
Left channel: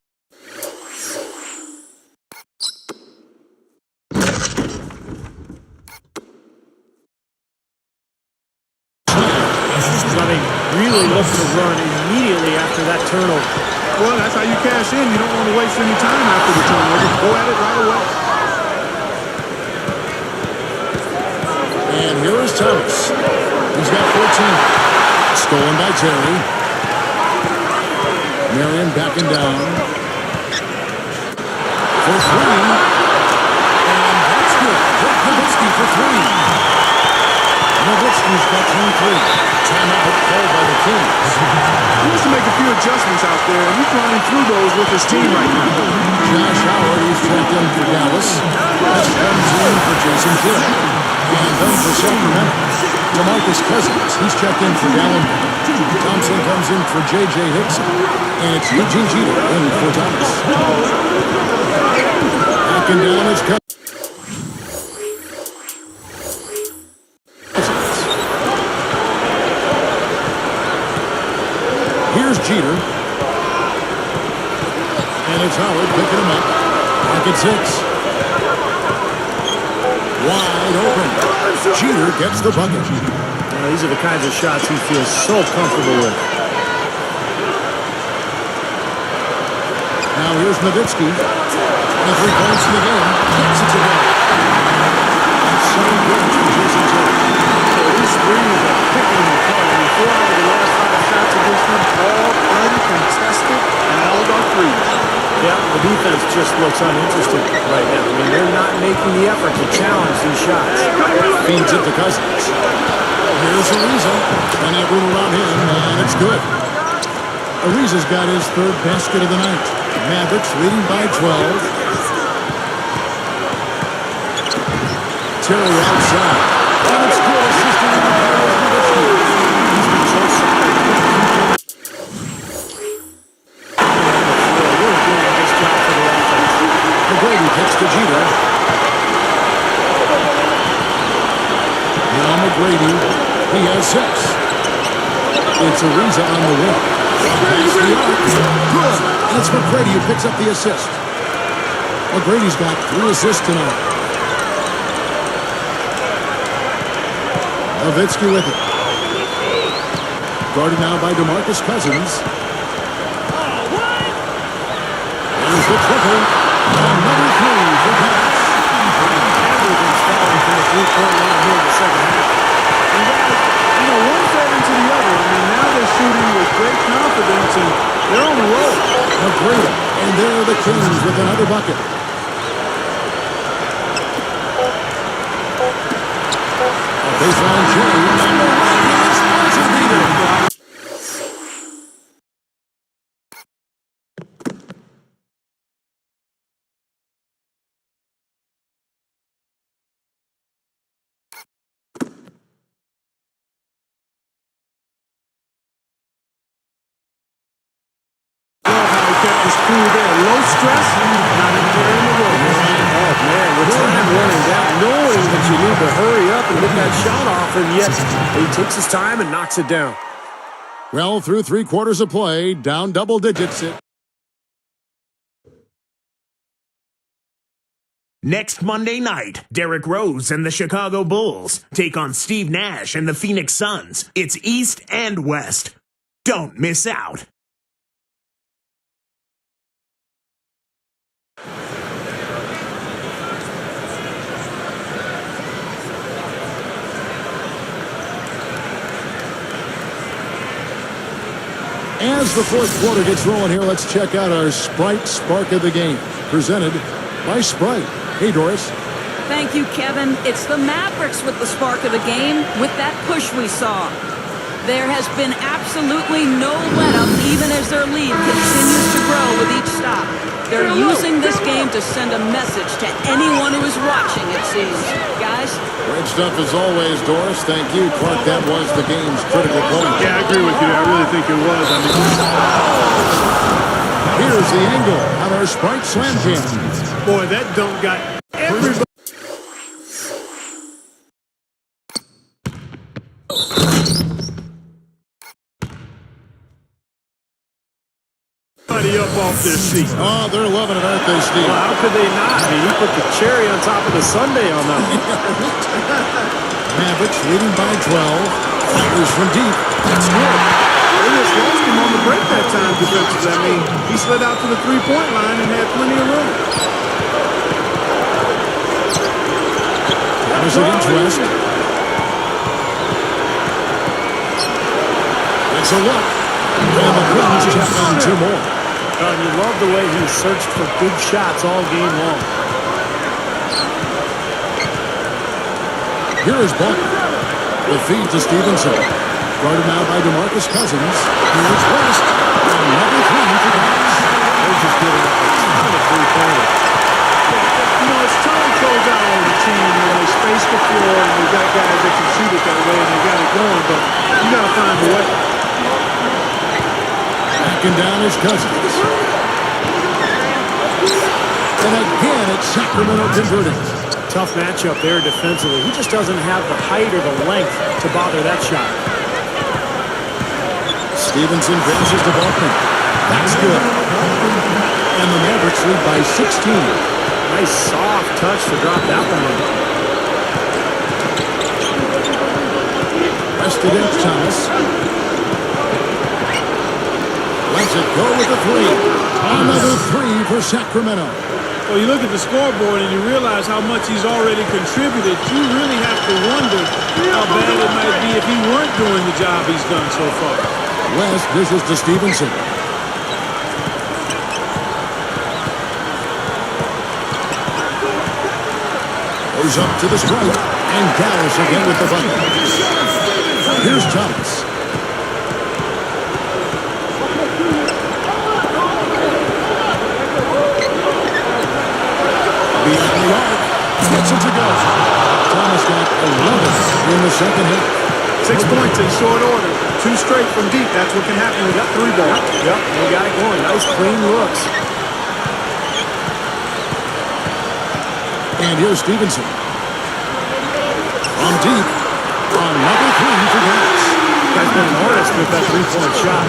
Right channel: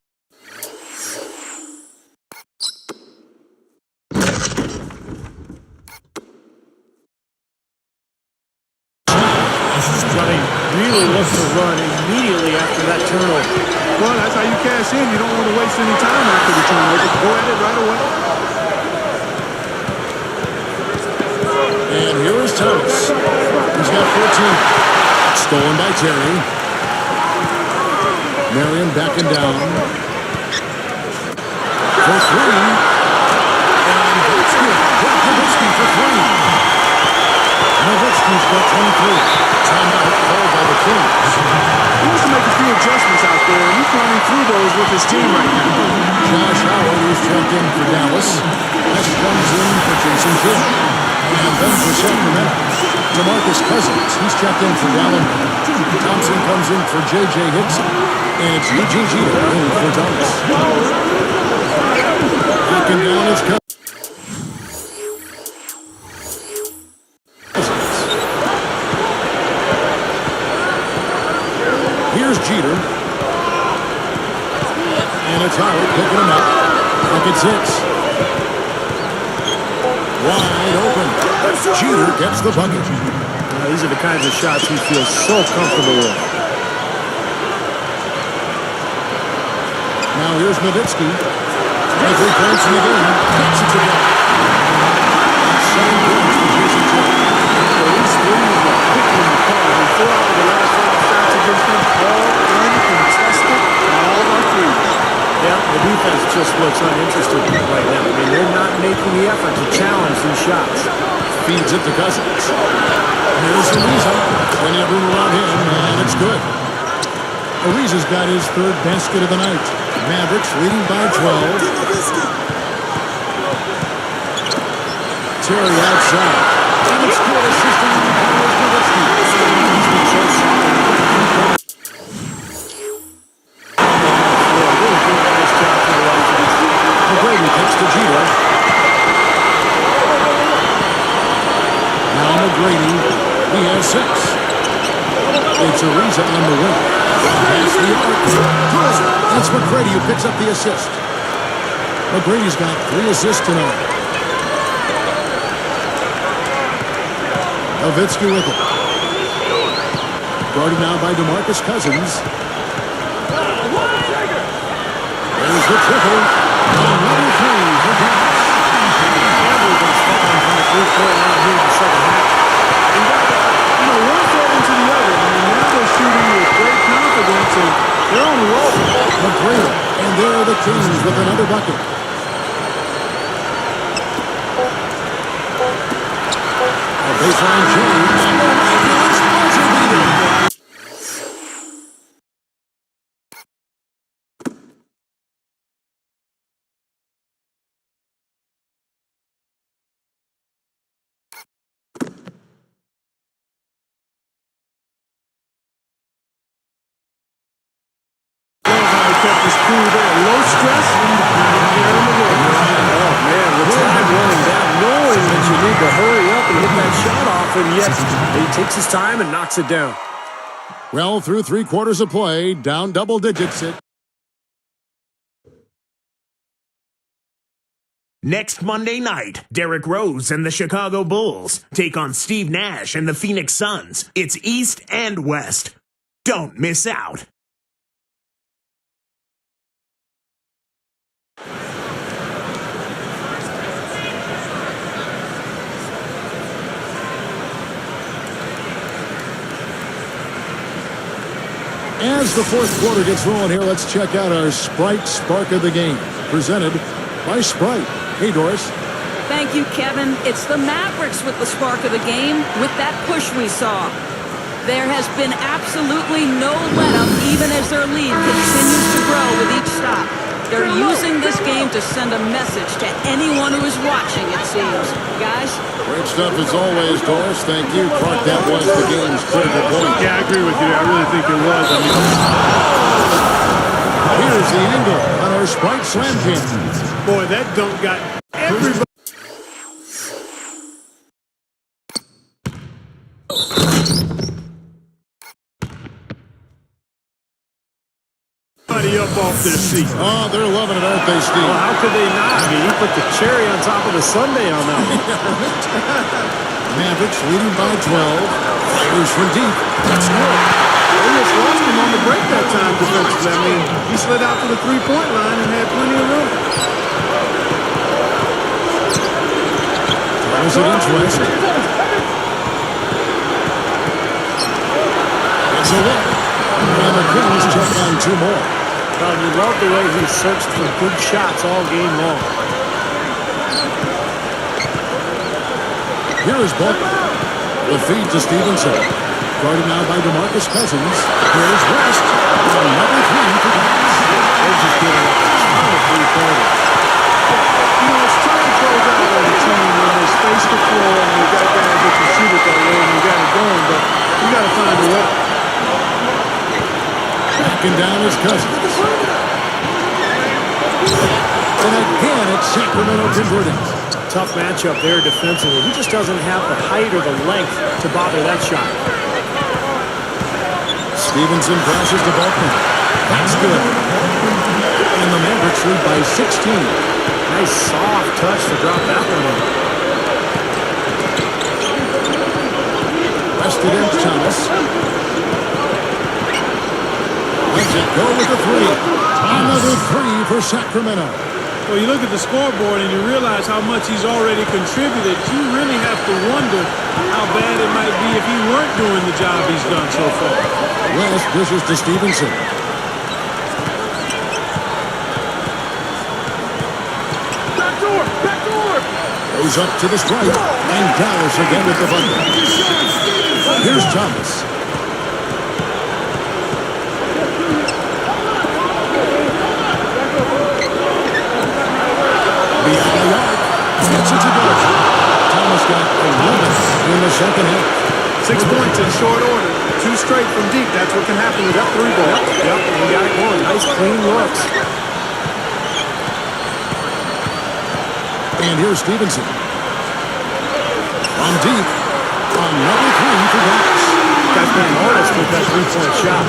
But they really look to run immediately after that turnover. Well, that's how you cash in. You don't want to waste any time after the turnover. Go at it right away. And here is Thomas. He's got 14. Stolen by Terry. Marion backing down. For 3. And that's good. Dirk Nowitzki for 3. Nowitzki's got 23. Timeout called by the Kings. He wants to make a few adjustments out there, and he's running through those with his team right now. Josh Howard, he's checked in for Dallas. West comes in for Jason Kidd. And then for Sacramento, DeMarcus Cousins, he's checked in for Dallin. Thompson comes in for J.J. Hickson. And it's Eugene Jeter in for Thomas. Backing down is Cousins. Here's Jeter. And it's Howard picking him up. Back at 6. Wide open. Jeter gets the bucket. Now, these are the kinds of shots he feels so comfortable with. Now here's Nowitzki. 23 points in the game. Gets it to go. And 7 points for Jason Terry. These threes are picking him apart. I mean, 4 out of the last 5 shots against him, all uncontested, and all are threes. Yeah, the defense just looks uninterested right now. I mean, they're not making the effort to challenge these shots. Feeds it to Cousins. Here's Ariza. Plenty of room around him, and it's good. Ariza's got his 3rd basket of the night. Mavericks leading by 12. Terry outside. And it's good. Assisting in the ball is Nowitzki. He's been so solid. Really doing a nice job for the offense. McGrady kicks to Jeter. Now McGrady, he has 6. It's Ariza on the wing. Past the arc. Good. And it's McGrady who picks up the assist. McGrady's got 3 assists tonight. Nowitzki with it. Guarded now by DeMarcus Cousins. There's the triple. Another 3 for Dallas. Everything's falling from the 3-point line here in the second half. And guys, one fed into the other. I mean, now they're shooting with great confidence, and they're on a roll. McGrady, and there are the Kings with another bucket. A baseline change. A miraculous buzzer beater. Love how he kept his cool there. Low stress, not a care in the world. Oh, man, with time running down, knowing that you need to hurry up and get that shot off, and yet he takes his time and knocks it down. Well, through 3 quarters of play, down double digits. Next Monday night, Derrick Rose and the Chicago Bulls take on Steve Nash and the Phoenix Suns. It's East and West. Don't miss out. As the fourth quarter gets rolling here, let's check out our Sprite Spark of the Game, presented by Sprite. Hey, Doris. Thank you, Kevin. It's the Mavericks with the spark of the game, with that push we saw. There has been absolutely no let-up, even as their lead continues to grow with each stop. They're using this game to send a message to anyone who is watching, it seems. Guys? Great stuff as always, Doris. Thank you. Clark, that was the game's critical point. Yeah, I agree with you. I really think it was. I mean, here's the angle on our Sprite Slam Jam. boy, that dunk got everybody. Up off their seat. Oh, they're loving it, aren't they, Steve? Well, how could they not? I mean, he put the cherry on top of the sundae on that one. Mavericks leading by 12. Fires from deep. That's good. They just lost him on the break that time defensively. I mean, he slid out to the three-point line and had plenty of room. Thomas against West. It's a look. And the Kings check on 2 more. Well, and you love the way he searched for good shots all game long. Here is Buck. The feed to Stevenson. Guarded now by DeMarcus Cousins. Here's West. On number 3 for Dallas. They're just getting up a ton of three-pointers. You know, it's tough to close out on a team when they space the floor and they got guys that can shoot it that way and they got it going, but you got to find a way. Backing down his Cousins. And again, it's Sacramento converting. Tough matchup there defensively. He just doesn't have the height or the length to bother that shot. Stevenson passes to Balkman. That's good. And the Mavericks lead by 16. Nice soft touch to drop that one in. West against Thomas. Lets it go with the 3. Another 3 for Sacramento. Well, you look at the scoreboard and you realize how much he's already contributed. You really have to wonder how bad it might be if he weren't doing the job he's done so far. West dishes to Stevenson. Goes up to the stripe. And Dallas again with the bucket. Here's Thomas. Beyond the arc. Gets it to go. Thomas got 11 in the second half. 6 points in short order. 2 straight from deep. That's what can happen with that 3 ball. Yep, he got it going. Nice clean looks. And here's Stevenson. From deep. On number 3 for Dallas. Guy's been an artist with that three-point shot.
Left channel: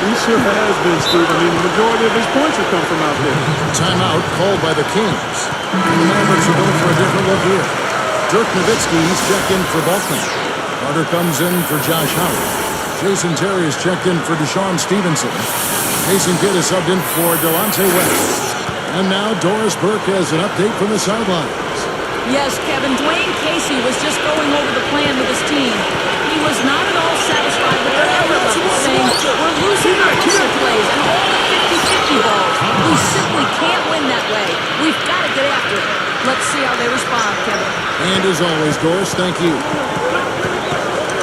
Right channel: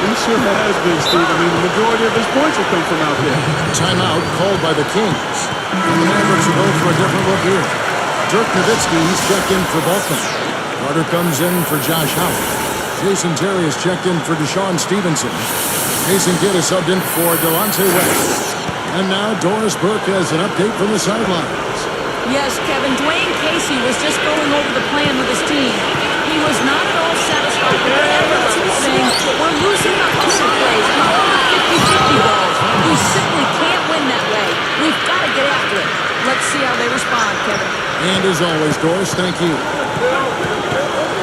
He sure has been, Steve. I mean, the majority of his points have come from out there. Timeout called by the Kings. And the Mavericks are going for a different look here. Dirk Nowitzki, he's checked in for Balkman. Carter comes in for Josh Howard. Jason Terry is checked in for Deshaun Stevenson. Jason Kidd is subbed in for Delonte West. And now Doris Burke has an update from the sidelines. Yes, Kevin, Dwayne Casey was just going over the plan with his team. He was not at all satisfied with their effort level, saying, "We're losing the hustle plays and all the 50-50 balls. We simply can't win that way. We've got to get after it." Let's see how they respond, Kevin. And as always, Doris, thank you.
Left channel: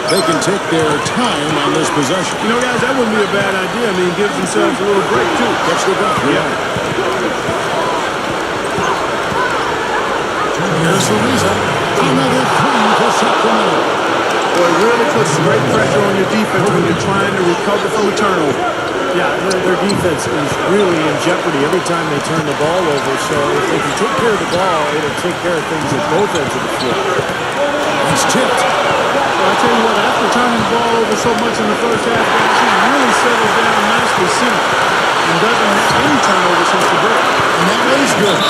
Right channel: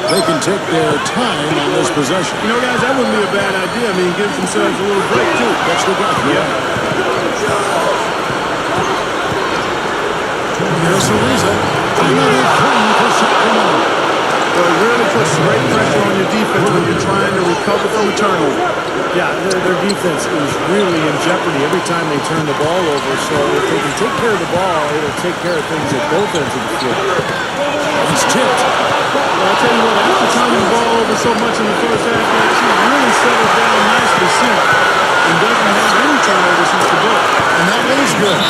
They can take their time on this possession. You know, guys, that wouldn't be a bad idea. I mean, gives themselves a little break, too. Catch the breath. You're right. Here's Ariza. Another three for Sacramento. Well, it really puts great pressure on your defense when you're trying to recover from a turnover. Yeah, their defense is really in jeopardy every time they turn the ball over. So if they can take care of the ball, it'll take care of things at both ends of the floor. It's tipped. Well, I tell you what, after turning the ball over so much in the first half, guys, he's really settled down nicely since and doesn't have any turnover since the break. And that is good.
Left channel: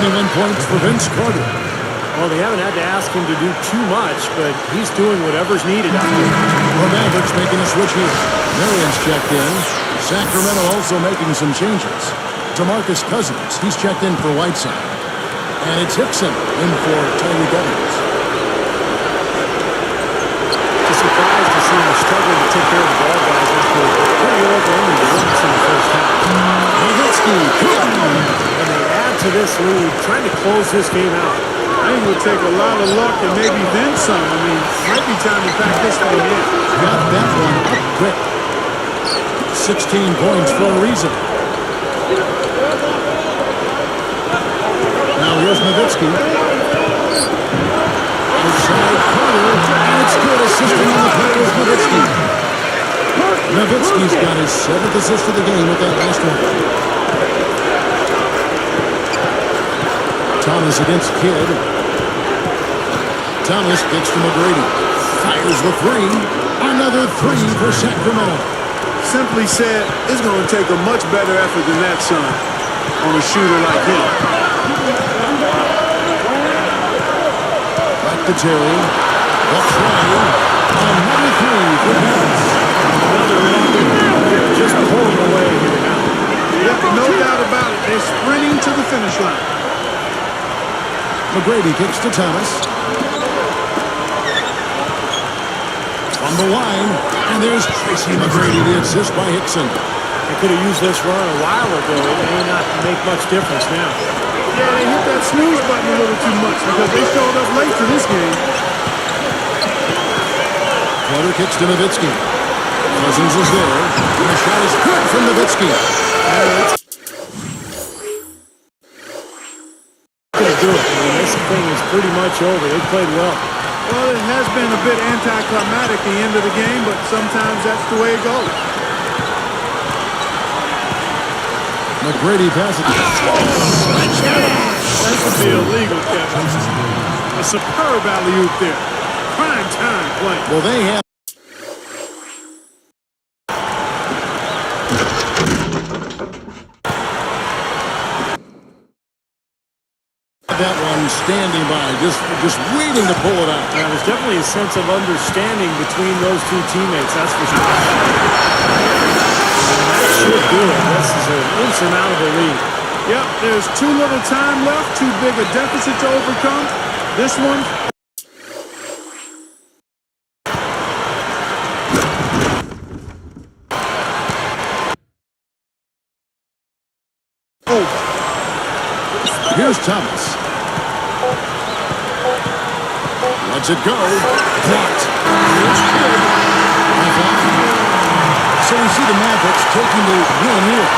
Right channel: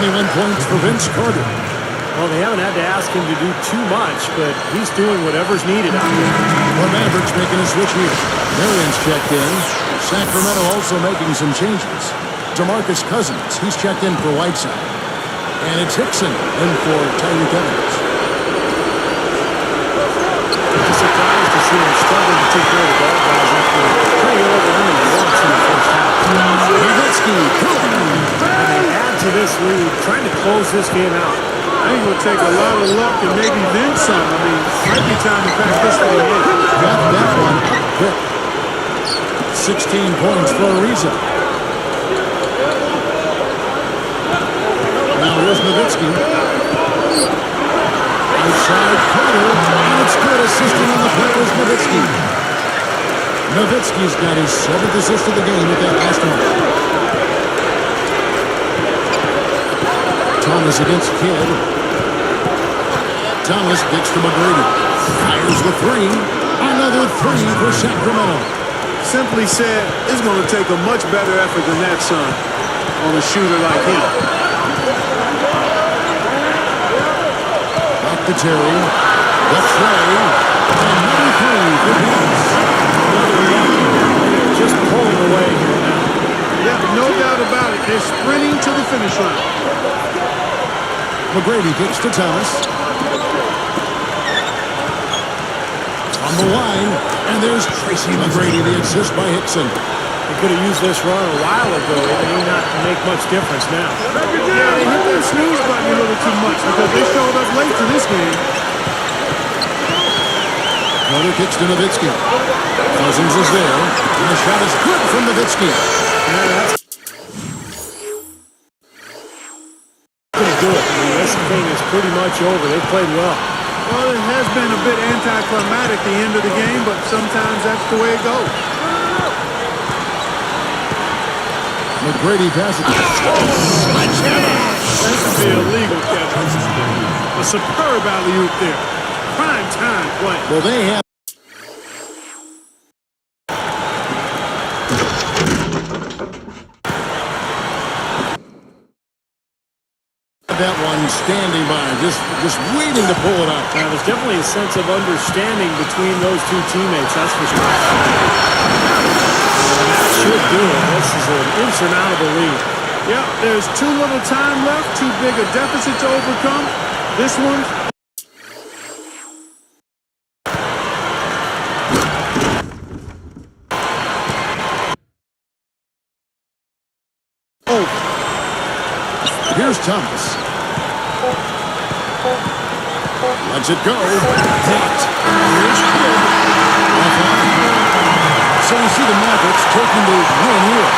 21 points for Vince Carter. Well, they haven't had to ask him to do too much, but he's doing whatever's needed out there. The Mavericks making a switch here. Marion's checked in. Sacramento also making some changes. DeMarcus Cousins, he's checked in for Whiteside. And it's Hickson in for Tyreek Evans. It's a surprise to see him struggling to take care of the ball, guys, after turning it over only once in the first half. Nowitzki, And they add to this lead, trying to close this game out. I think it would take a lot of luck and maybe then some. I mean, might be time to pack this thing in. got that one up quick. 16 points for Ariza. Now here's Nowitzki. Outside Carter, and it's good. Assisting on the play was Nowitzki. Nowitzki's got his 7th assist of the game with that last one. Thomas against Kidd. Thomas kicks to McGrady. Fires the three. Another three for Sacramento. Simply said, it's going to take a much better effort than that, son, on a shooter like him. Back to Terry. The tray. Another three for Vince. Another rocket. They're just pulling away here now. Yep, no doubt about it. They're sprinting to the finish line. McGrady kicks to Thomas. From the line, and there's Tracy McGrady, the assist by Hickson. They could have used this run a while ago. It may not make much difference now. Yeah, they hit that snooze button a little too much because they showed up late to this game. Carter kicks to Nowitzki. Cousins is there, and the shot is good from Nowitzki. Yeah, that's going to do it. I mean, this thing is pretty much over. They played well. Well, it has been a bit anticlimactic the end of the game, but sometimes that's the way it goes. McGrady passes. That could be illegal, Kevin. A superb alley-oop there. Prime time play. Well, they have that one standing by, just waiting to pull it out. Now, there's definitely a sense of understanding between those two teammates, that's for sure. And that should do it. This is an insurmountable lead. Yep, there's too little time left, too big a deficit to overcome. This one. Over. Here's Thomas. Lets it go. Blocked. Here's Kidd. Offline. So we see the Mavericks taking the win here.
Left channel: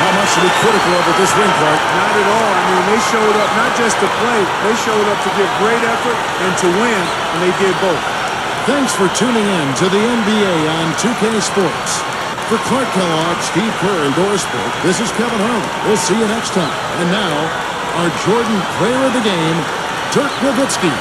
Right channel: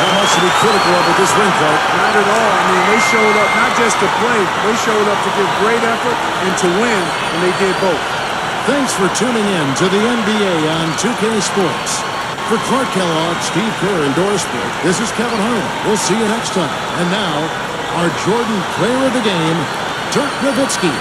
How much to be critical of at this ring, Clark? Not at all. I mean, they showed up not just to play. They showed up to give great effort and to win, and they did both. Thanks for tuning in to the NBA on 2K Sports. For Clark Kellogg, Steve Kerr, and Doris Burke, this is Kevin Harlan. We'll see you next time. And now, our Jordan Player of the Game, Dirk Nowitzki.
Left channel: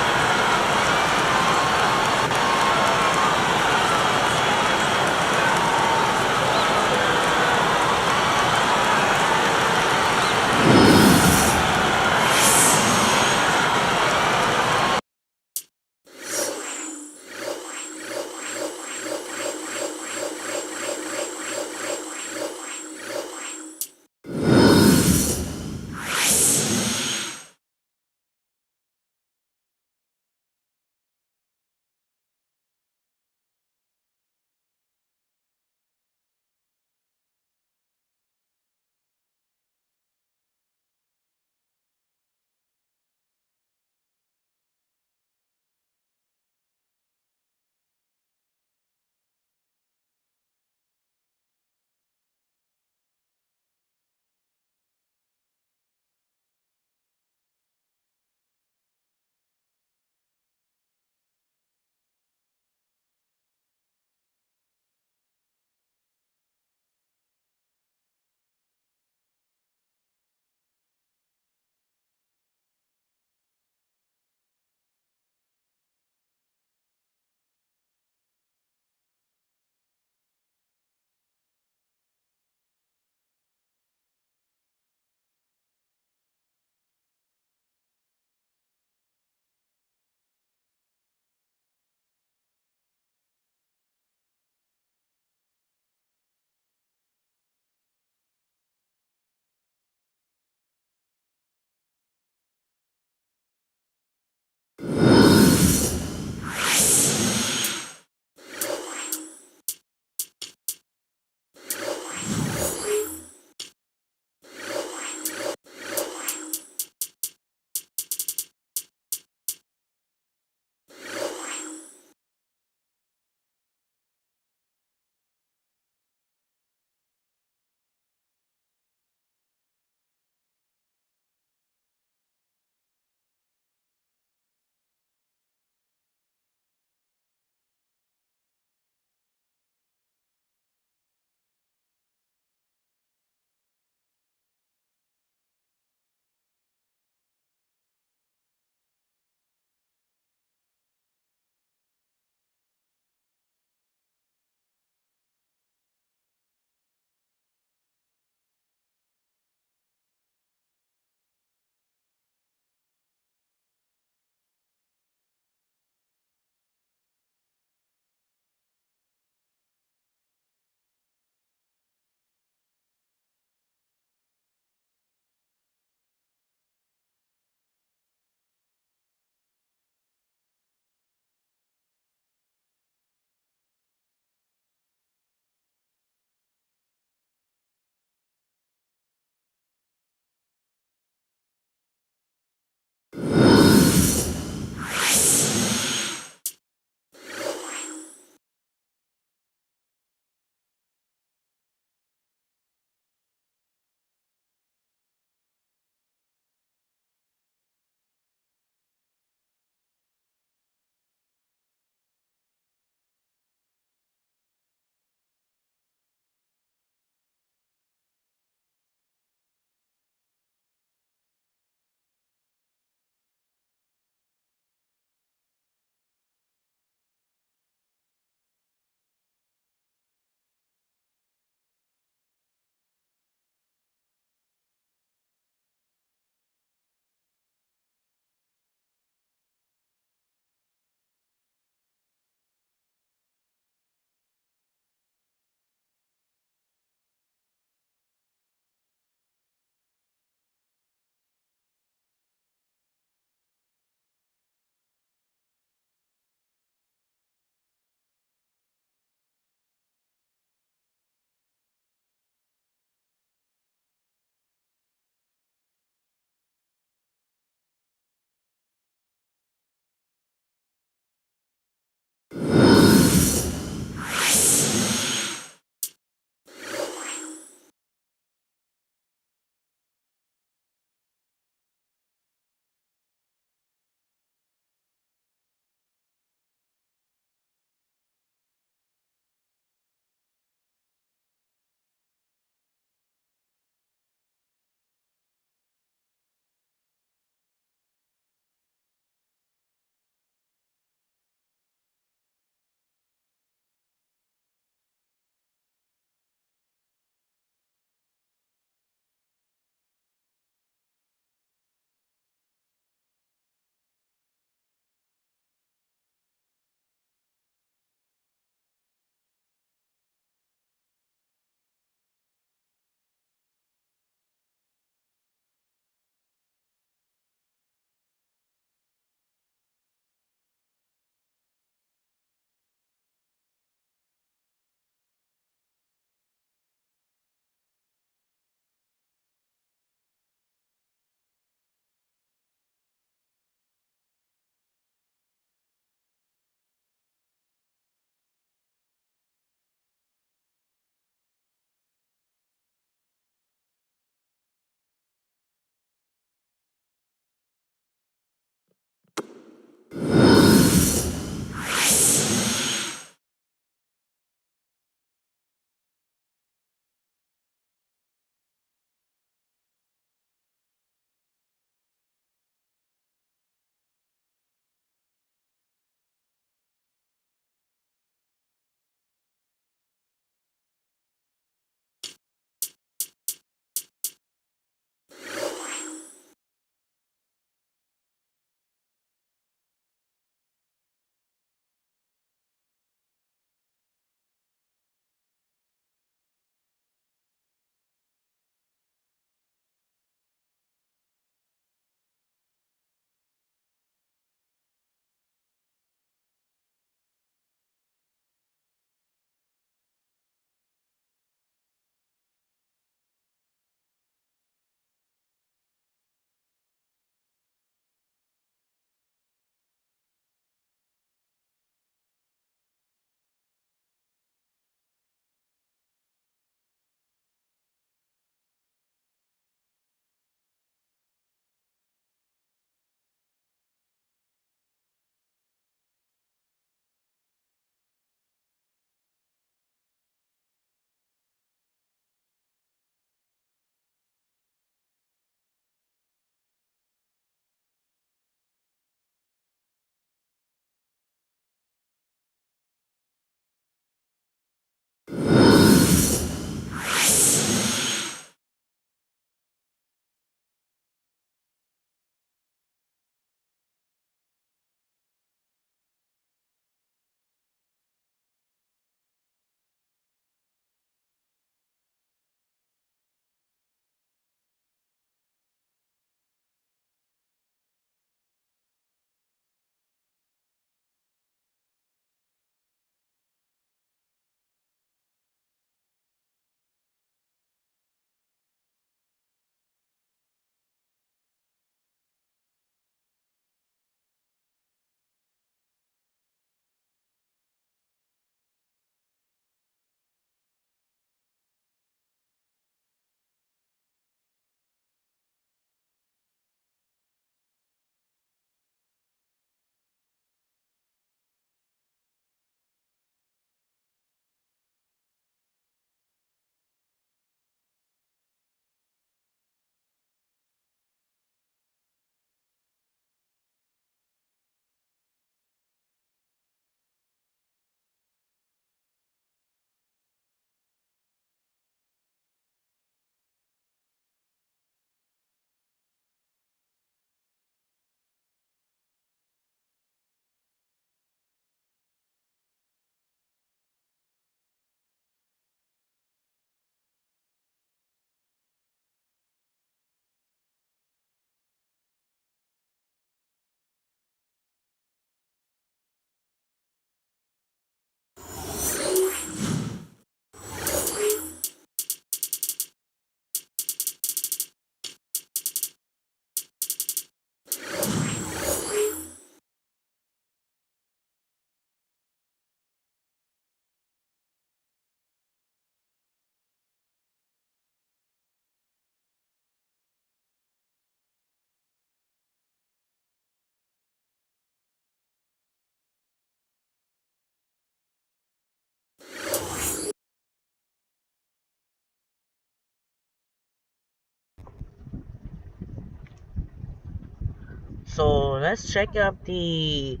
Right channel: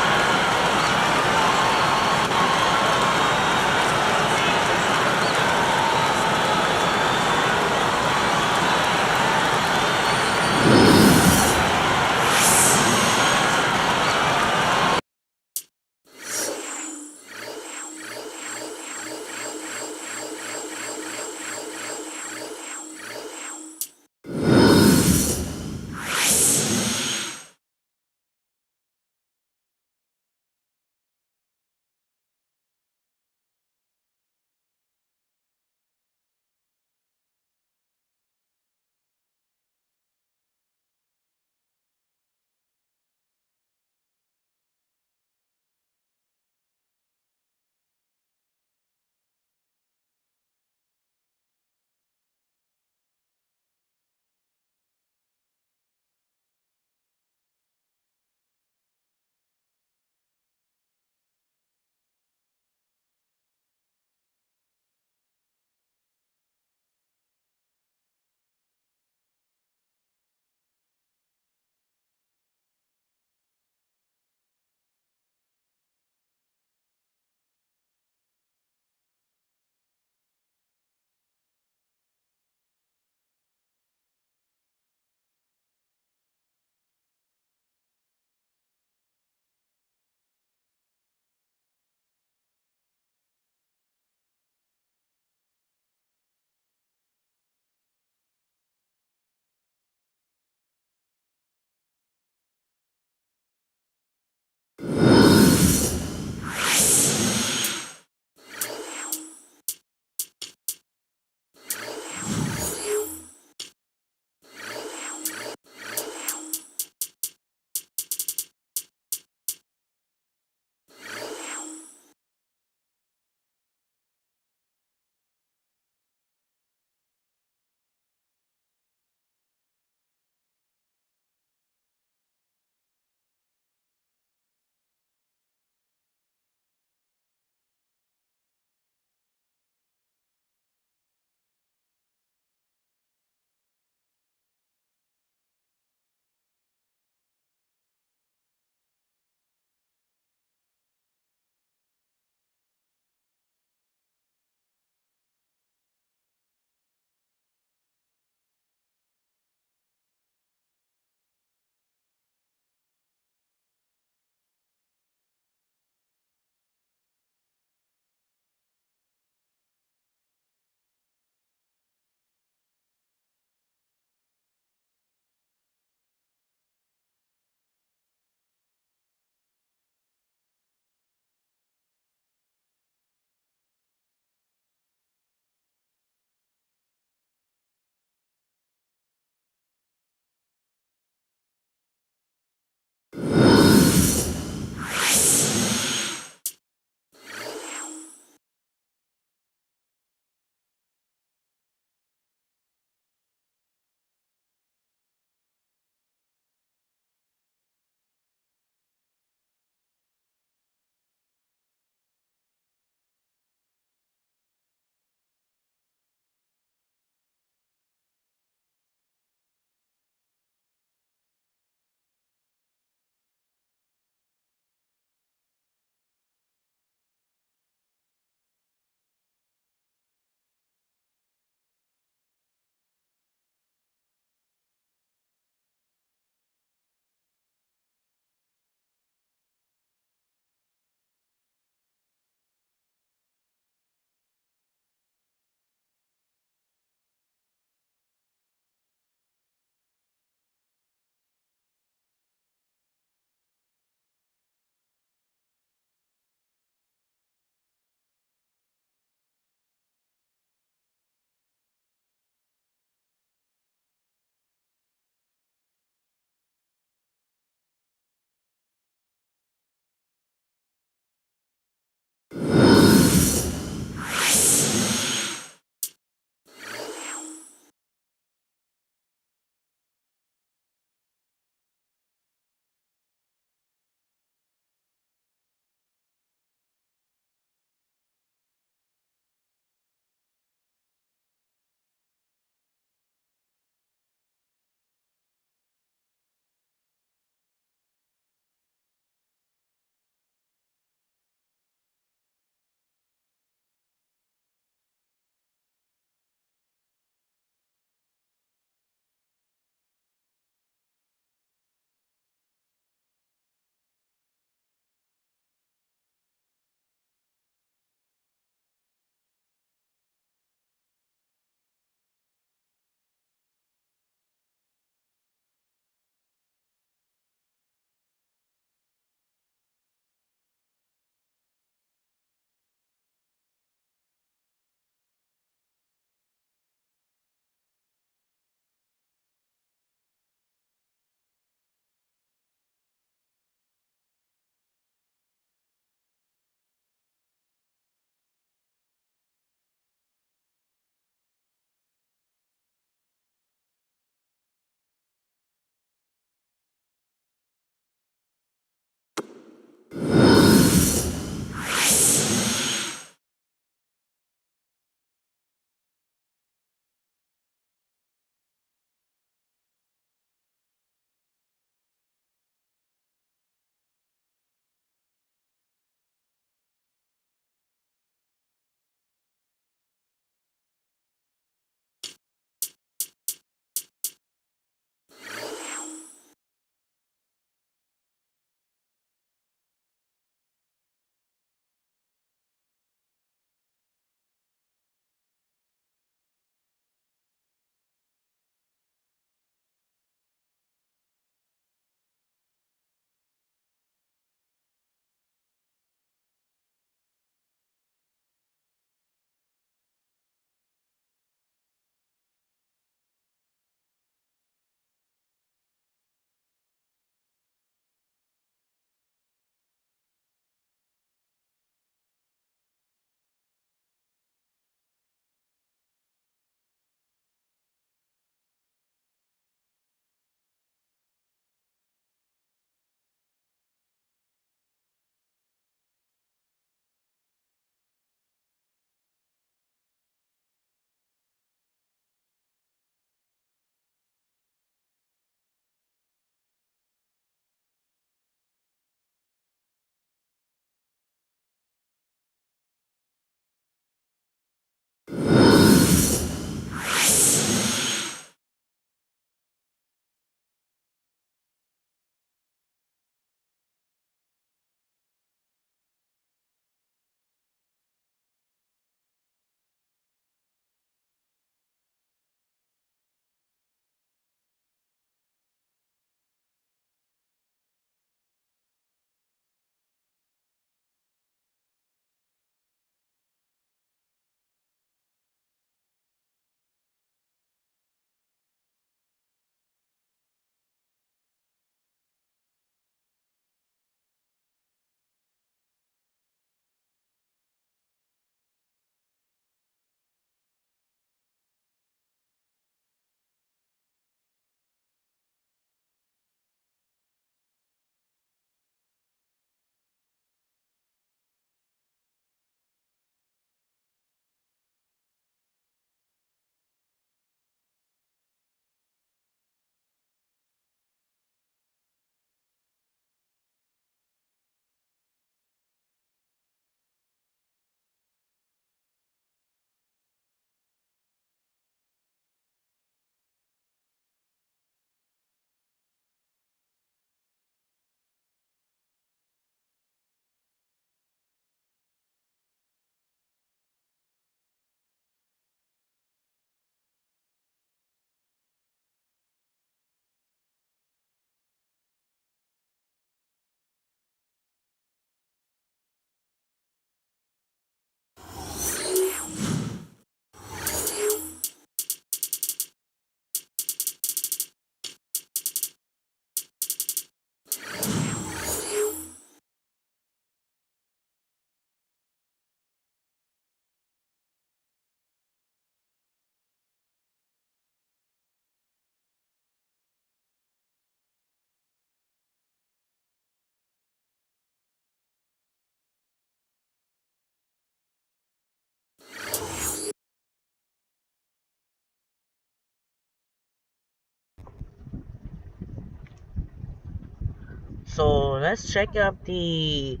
So let's check out the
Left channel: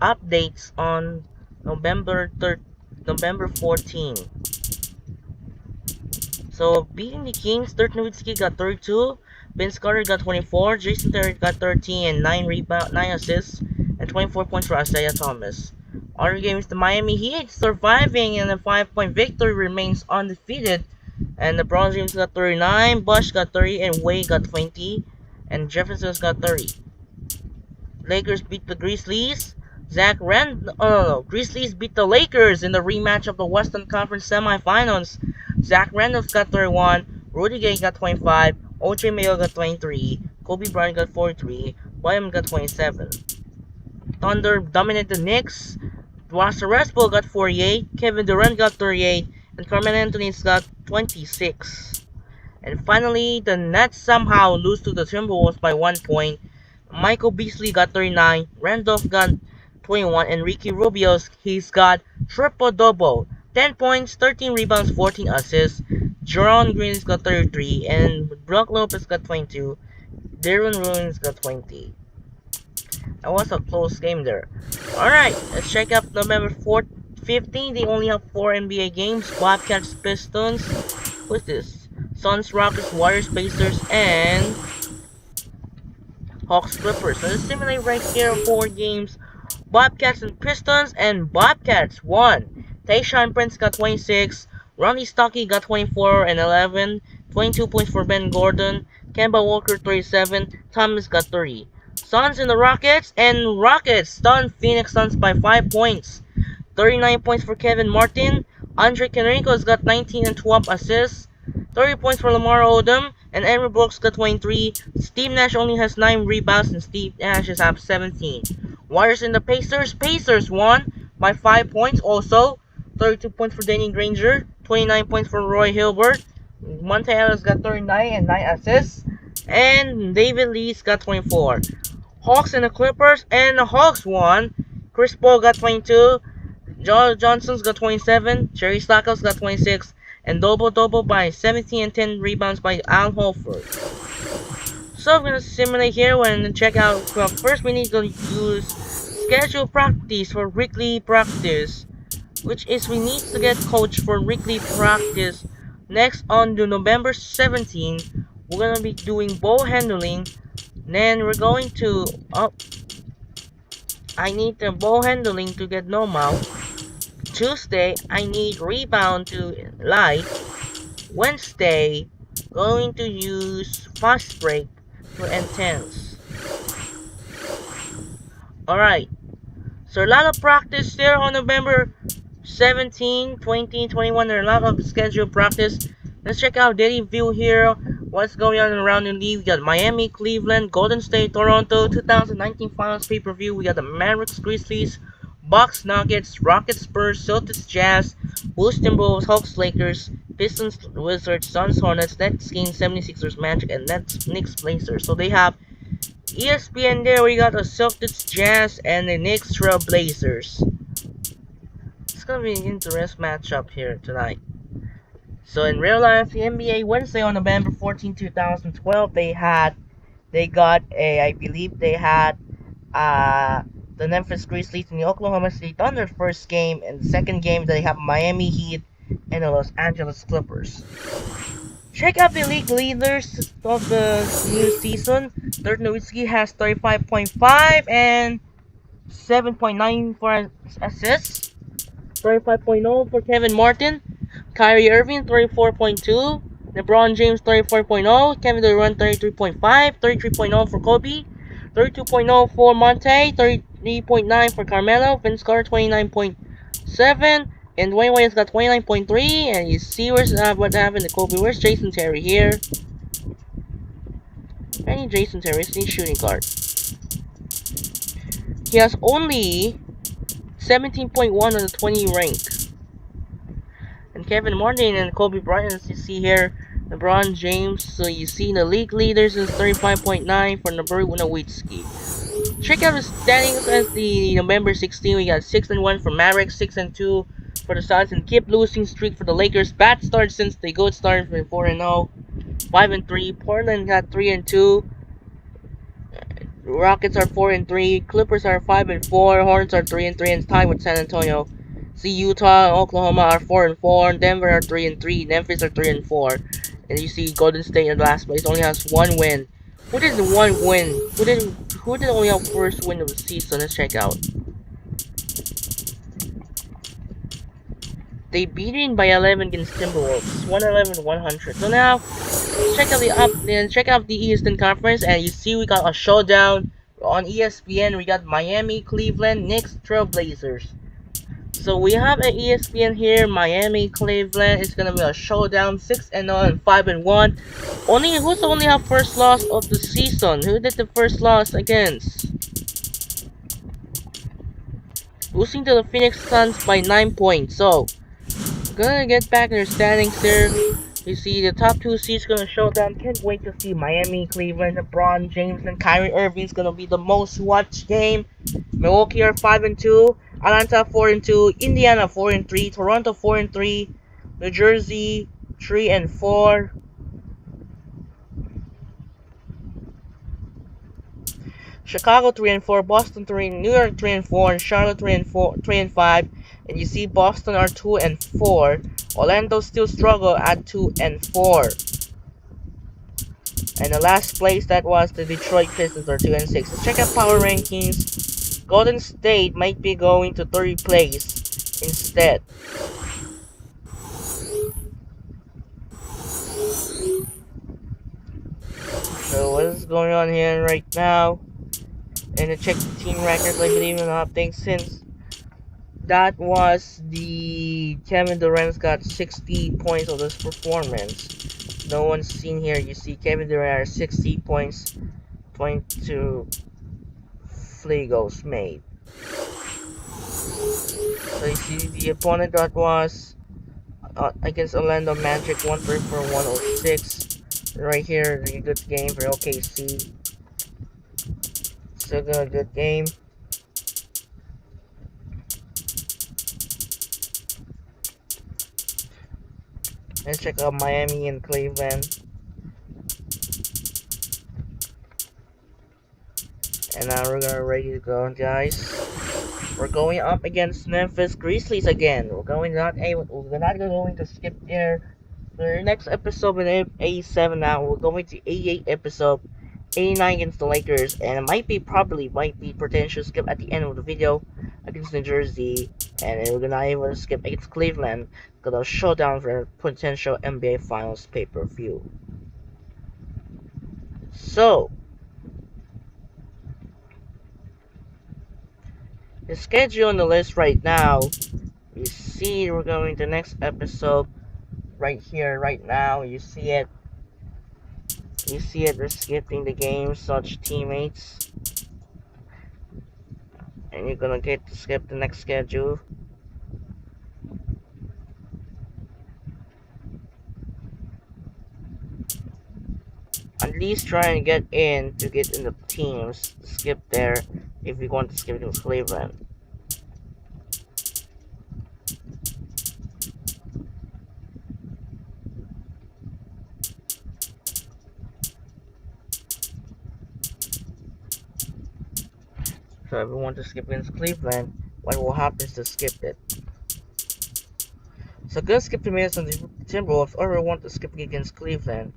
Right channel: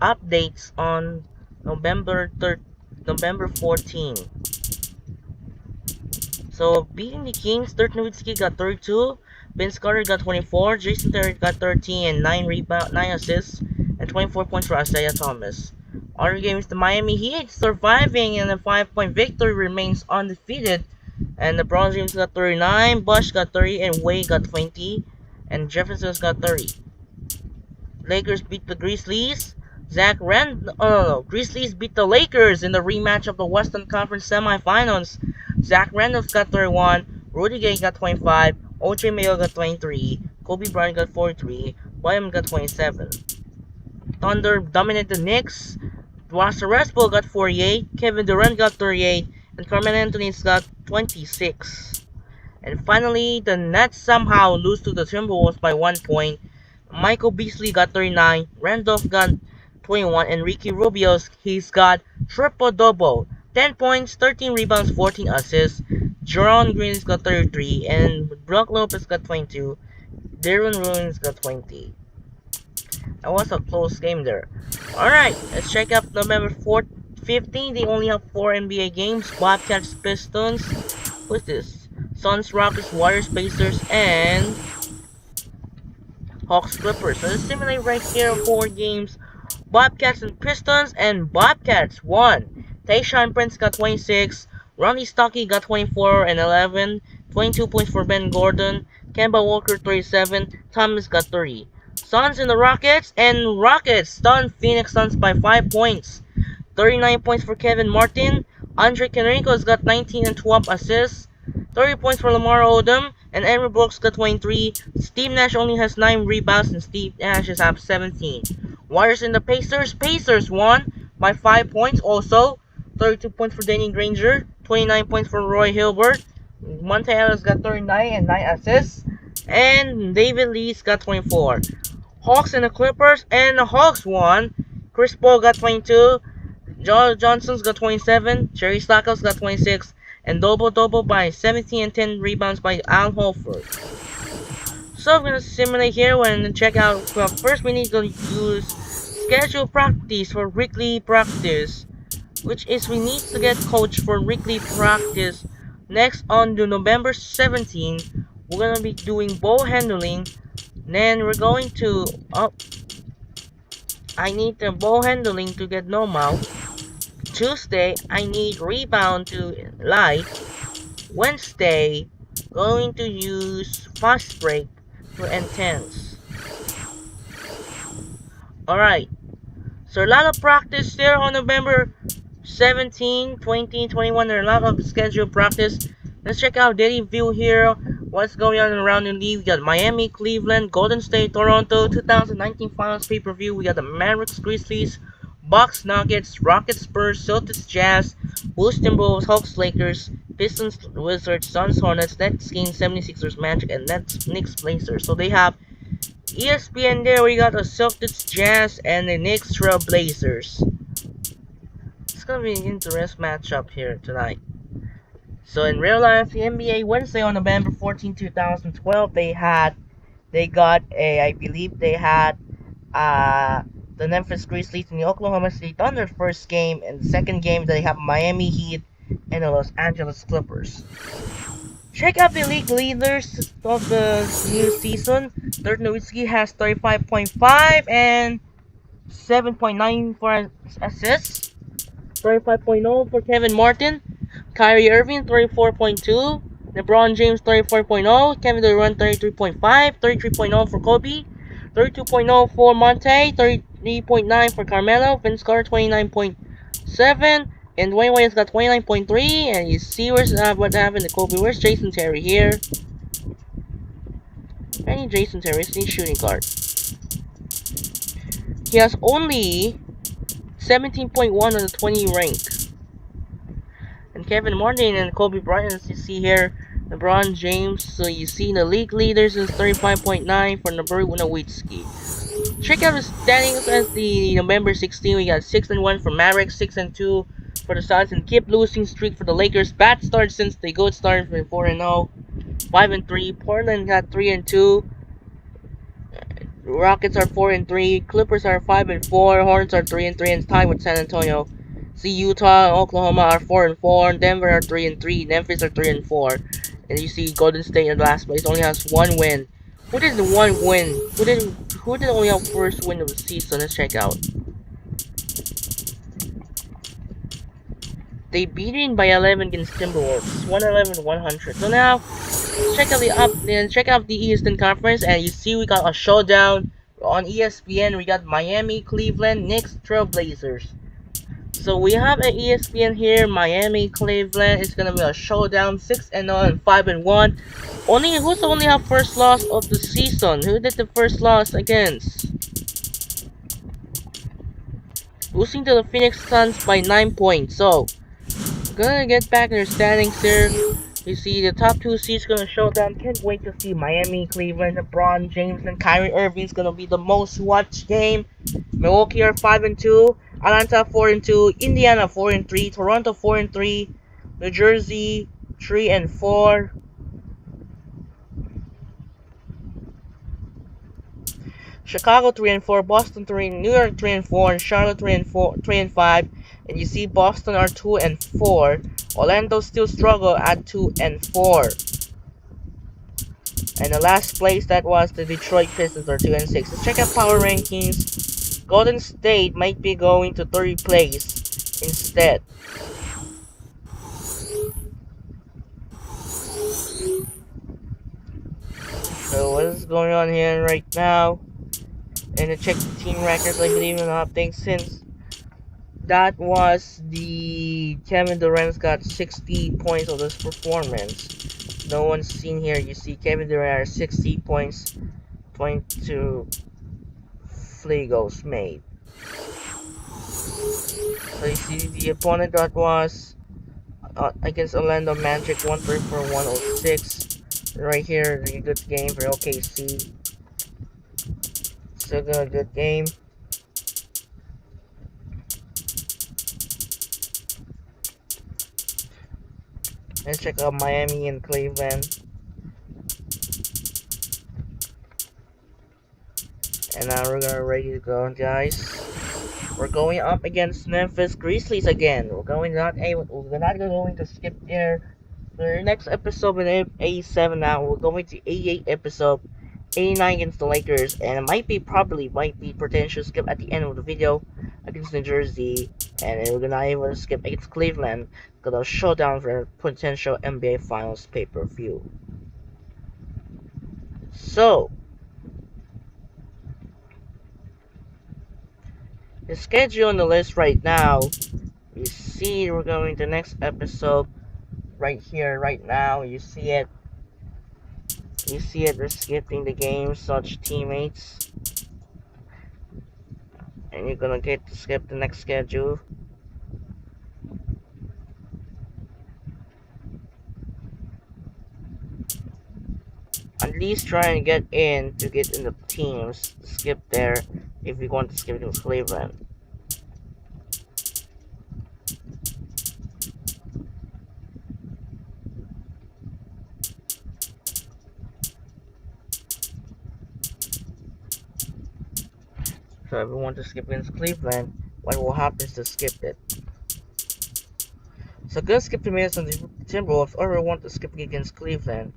updates on November 14. So beating the Kings, Dirk Nowitzki got 32, Vince Carter got 24, Jason Terry got 13 and 9 assists, and 24 points for Isaiah Thomas. Other games, the Miami Heat surviving in a 5-point victory remains undefeated, and the LeBron James got 39, Bush got 30, and Wade got 20, and Jefferson's got 30. Lakers beat the Grizzlies. Grizzlies beat the Lakers in the rematch of the Western Conference semifinals. Zach Randolph got 31, Rudy Gay got 25, OJ Mayo got 23, Kobe Bryant got 43, William got 27. Thunder dominated the Knicks. Russell Westbrook got 48, Kevin Durant got 38, and Carmelo Anthony's got 26. And finally, the Nets somehow lose to the Timberwolves by 1 point. Michael Beasley got 39, Randolph got 21, and Ricky Rubio's he's got triple-double. 10 points, 13 rebounds, 14 assists. Jerron Green's got 33, and Brook Lopez got 22. Darren Ruins got 20. That was a close game there. Alright, let's check out November 15. They only have 4 NBA games. Bobcats, Pistons. What's this? Suns, Rockets, Warriors, Pacers, and Hawks, Clippers. So let's simulate right here 4 games. Bobcats and Pistons, and Bobcats won. Tayshaun Prince got 26, Ronnie Stockey got 24 and 11, 22 points for Ben Gordon, Kemba Walker 37, Thomas got 30. Suns and the Rockets, and Rockets stunned Phoenix Suns by 5 points. 39 points for Kevin Martin, Andre Kenrico's got 19 and 12 assists, 30 points for Lamar Odom, and Andrew Brooks got 23. Steve Nash only has 9 rebounds, and Steve Nash has 17. Warriors and the Pacers. Pacers won by 5 points also. 32 points for Danny Granger, 29 points for Roy Hilbert. Monte Ellis got 39 and 9 assists. And David Lee's got 24. Hawks and the Clippers, and the Hawks won. Chris Paul got 22. Joe Johnson's got 27. Jerry Stackhouse got 26. And double-double by 17 and 10 rebounds by Al Horford. So I'm gonna simulate here and check out. Well, first we need to use schedule practice for weekly practice, which is we need to get coach for weekly practice. Next on the November 17th, we're gonna be doing ball handling. Then we're going to I need the ball handling to get normal. Tuesday, I need rebound to light. Wednesday, going to use fast break for intense. Alright, so a lot of practice there on November 17, 20, 21. There are a lot of scheduled practice. Let's check out daily view here. What's going on around the league? We got Miami, Cleveland, Golden State, Toronto, 2019 Finals pay-per-view. We got the Mavericks, Grizzlies, Bucks, Nuggets, Rockets, Spurs, Celtics, Jazz, Bulls, Timberwolves, Hawks, Lakers, Pistons, Wizards, Suns, Hornets, Nets, Kings, 76ers, Magic, and Nets, Knicks, Blazers. So they have ESPN there. We got the Celtics, Jazz, and the Knicks, Trail Blazers. It's gonna be an interesting matchup here tonight. So in real life, the NBA Wednesday on November 14, 2012, they got I believe they had the Memphis Grizzlies and the Oklahoma City Thunder first game, and the second game they have Miami Heat and the Los Angeles Clippers. Check out the league leaders of the new season. Dirk Nowitzki has 35.5 and 7.9 for assists. 35.0 for Kevin Martin. Kyrie Irving 34.2. LeBron James 34.0. Kevin Durant 33.5. 33.0 for Kobe. 32.0 for Monte. 33.9 for Carmelo. Vince Carter 29.7. And Dwayne Wade's got 29.3. And you see what happened to Kobe. Where's Jason Terry here? I need Jason Terry. He's shooting guard. He has only 17.1 on the 20 rank. And Kevin Martin and Kobe Bryant, as you see here, LeBron James. So you see the league leaders is 35.9 for Nowitzki. Check out the standings as the November 16. We got 6-1 for Mavericks, 6-2 for the Suns, and keep losing streak for the Lakers. Bad start since they good start for 4-0, 5-3. Portland got 3-2. Rockets are 4-3, Clippers are 5-4, Hornets are 3-3, and tied with San Antonio. See, Utah and Oklahoma are 4-4, Denver are 3-3, Memphis are 3-4, and you see Golden State in last place only has one win. Who did the one win? Who did only have first win of the season? Let's check out. They beat in by 11 against Timberwolves, 111-100. So now check out the Eastern Conference, and you see we got a showdown on ESPN. We got Miami, Cleveland, Knicks, Trailblazers. So we have an ESPN here, Miami, Cleveland. It's gonna be a showdown, 6-0 and 5-1. Who's only have first loss of the season? Who did the first loss against? Losing to the Phoenix Suns by 9 points. So gonna get back in their standings here. You see the top two seeds gonna show down. Can't wait to see Miami, Cleveland, LeBron James, and Kyrie Irving's gonna be the most watched game. Milwaukee are 5-2, Atlanta 4-2, Indiana 4-3, Toronto 4-3, New Jersey 3-4. Chicago 3-4, Boston 3, New York 3-4, and Charlotte 3-5. And you see Boston are 2-4. Orlando still struggle at 2-4. And the last place that was the Detroit Pistons are 2-6. Let's check out power rankings. Golden State might be going to third place instead. So what is going on here right now? And to check the team records, I believe in the update since that was the Kevin Durant's got 60 points of this performance. No one's seen here. You see Kevin Durant has 60 points, 22 free goals made. So you see the opponent that was against Orlando Magic, 134 106. Right here, the good game for OKC. Still got a good game. Let's check out Miami and Cleveland. And now we're gonna ready to go, guys. We're going up against Memphis Grizzlies again. We're not going to skip there. The next episode with 87 now. We're going to 88 episode, 89 against the Lakers, and it might be potential skip at the end of the video against New Jersey, and we're not able to skip against Cleveland. Gonna showdown for potential NBA Finals pay-per-view. So the schedule on the list right now, you see we're going to next episode right here, right now. You see it, we're skipping the game, such teammates. And you're gonna get to skip the next schedule. At least try and get in the teams. Skip there if you want to skip against Cleveland. So if you want to skip against Cleveland, what will happen is to skip it. So good skip the minutes on the Timberwolves, or we want to skip against Cleveland.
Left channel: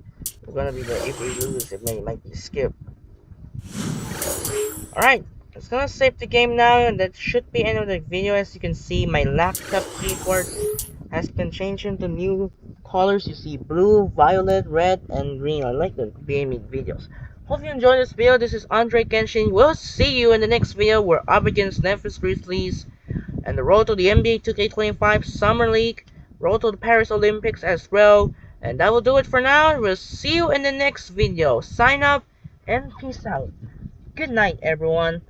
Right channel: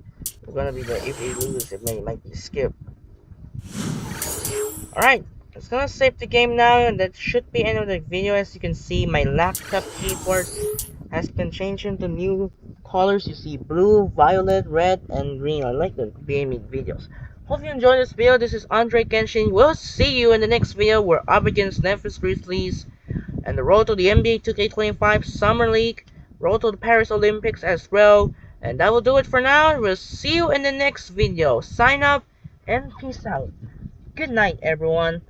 We're gonna be there if we lose, it might be skipped. Alright, it's gonna save the game now, and that should be end of the video. As you can see, my laptop keyboard has been changed into new colors. You see blue, violet, red, and green. I like the gaming videos. Hope you enjoyed this video. This is Andre Kenshin. We'll see you in the next video. We're up against Memphis Grizzlies and the road to the NBA 2K25 Summer League, road to the Paris Olympics as well. And that will do it for now. We'll see you in the next video. Sign up and peace out. Good night, everyone.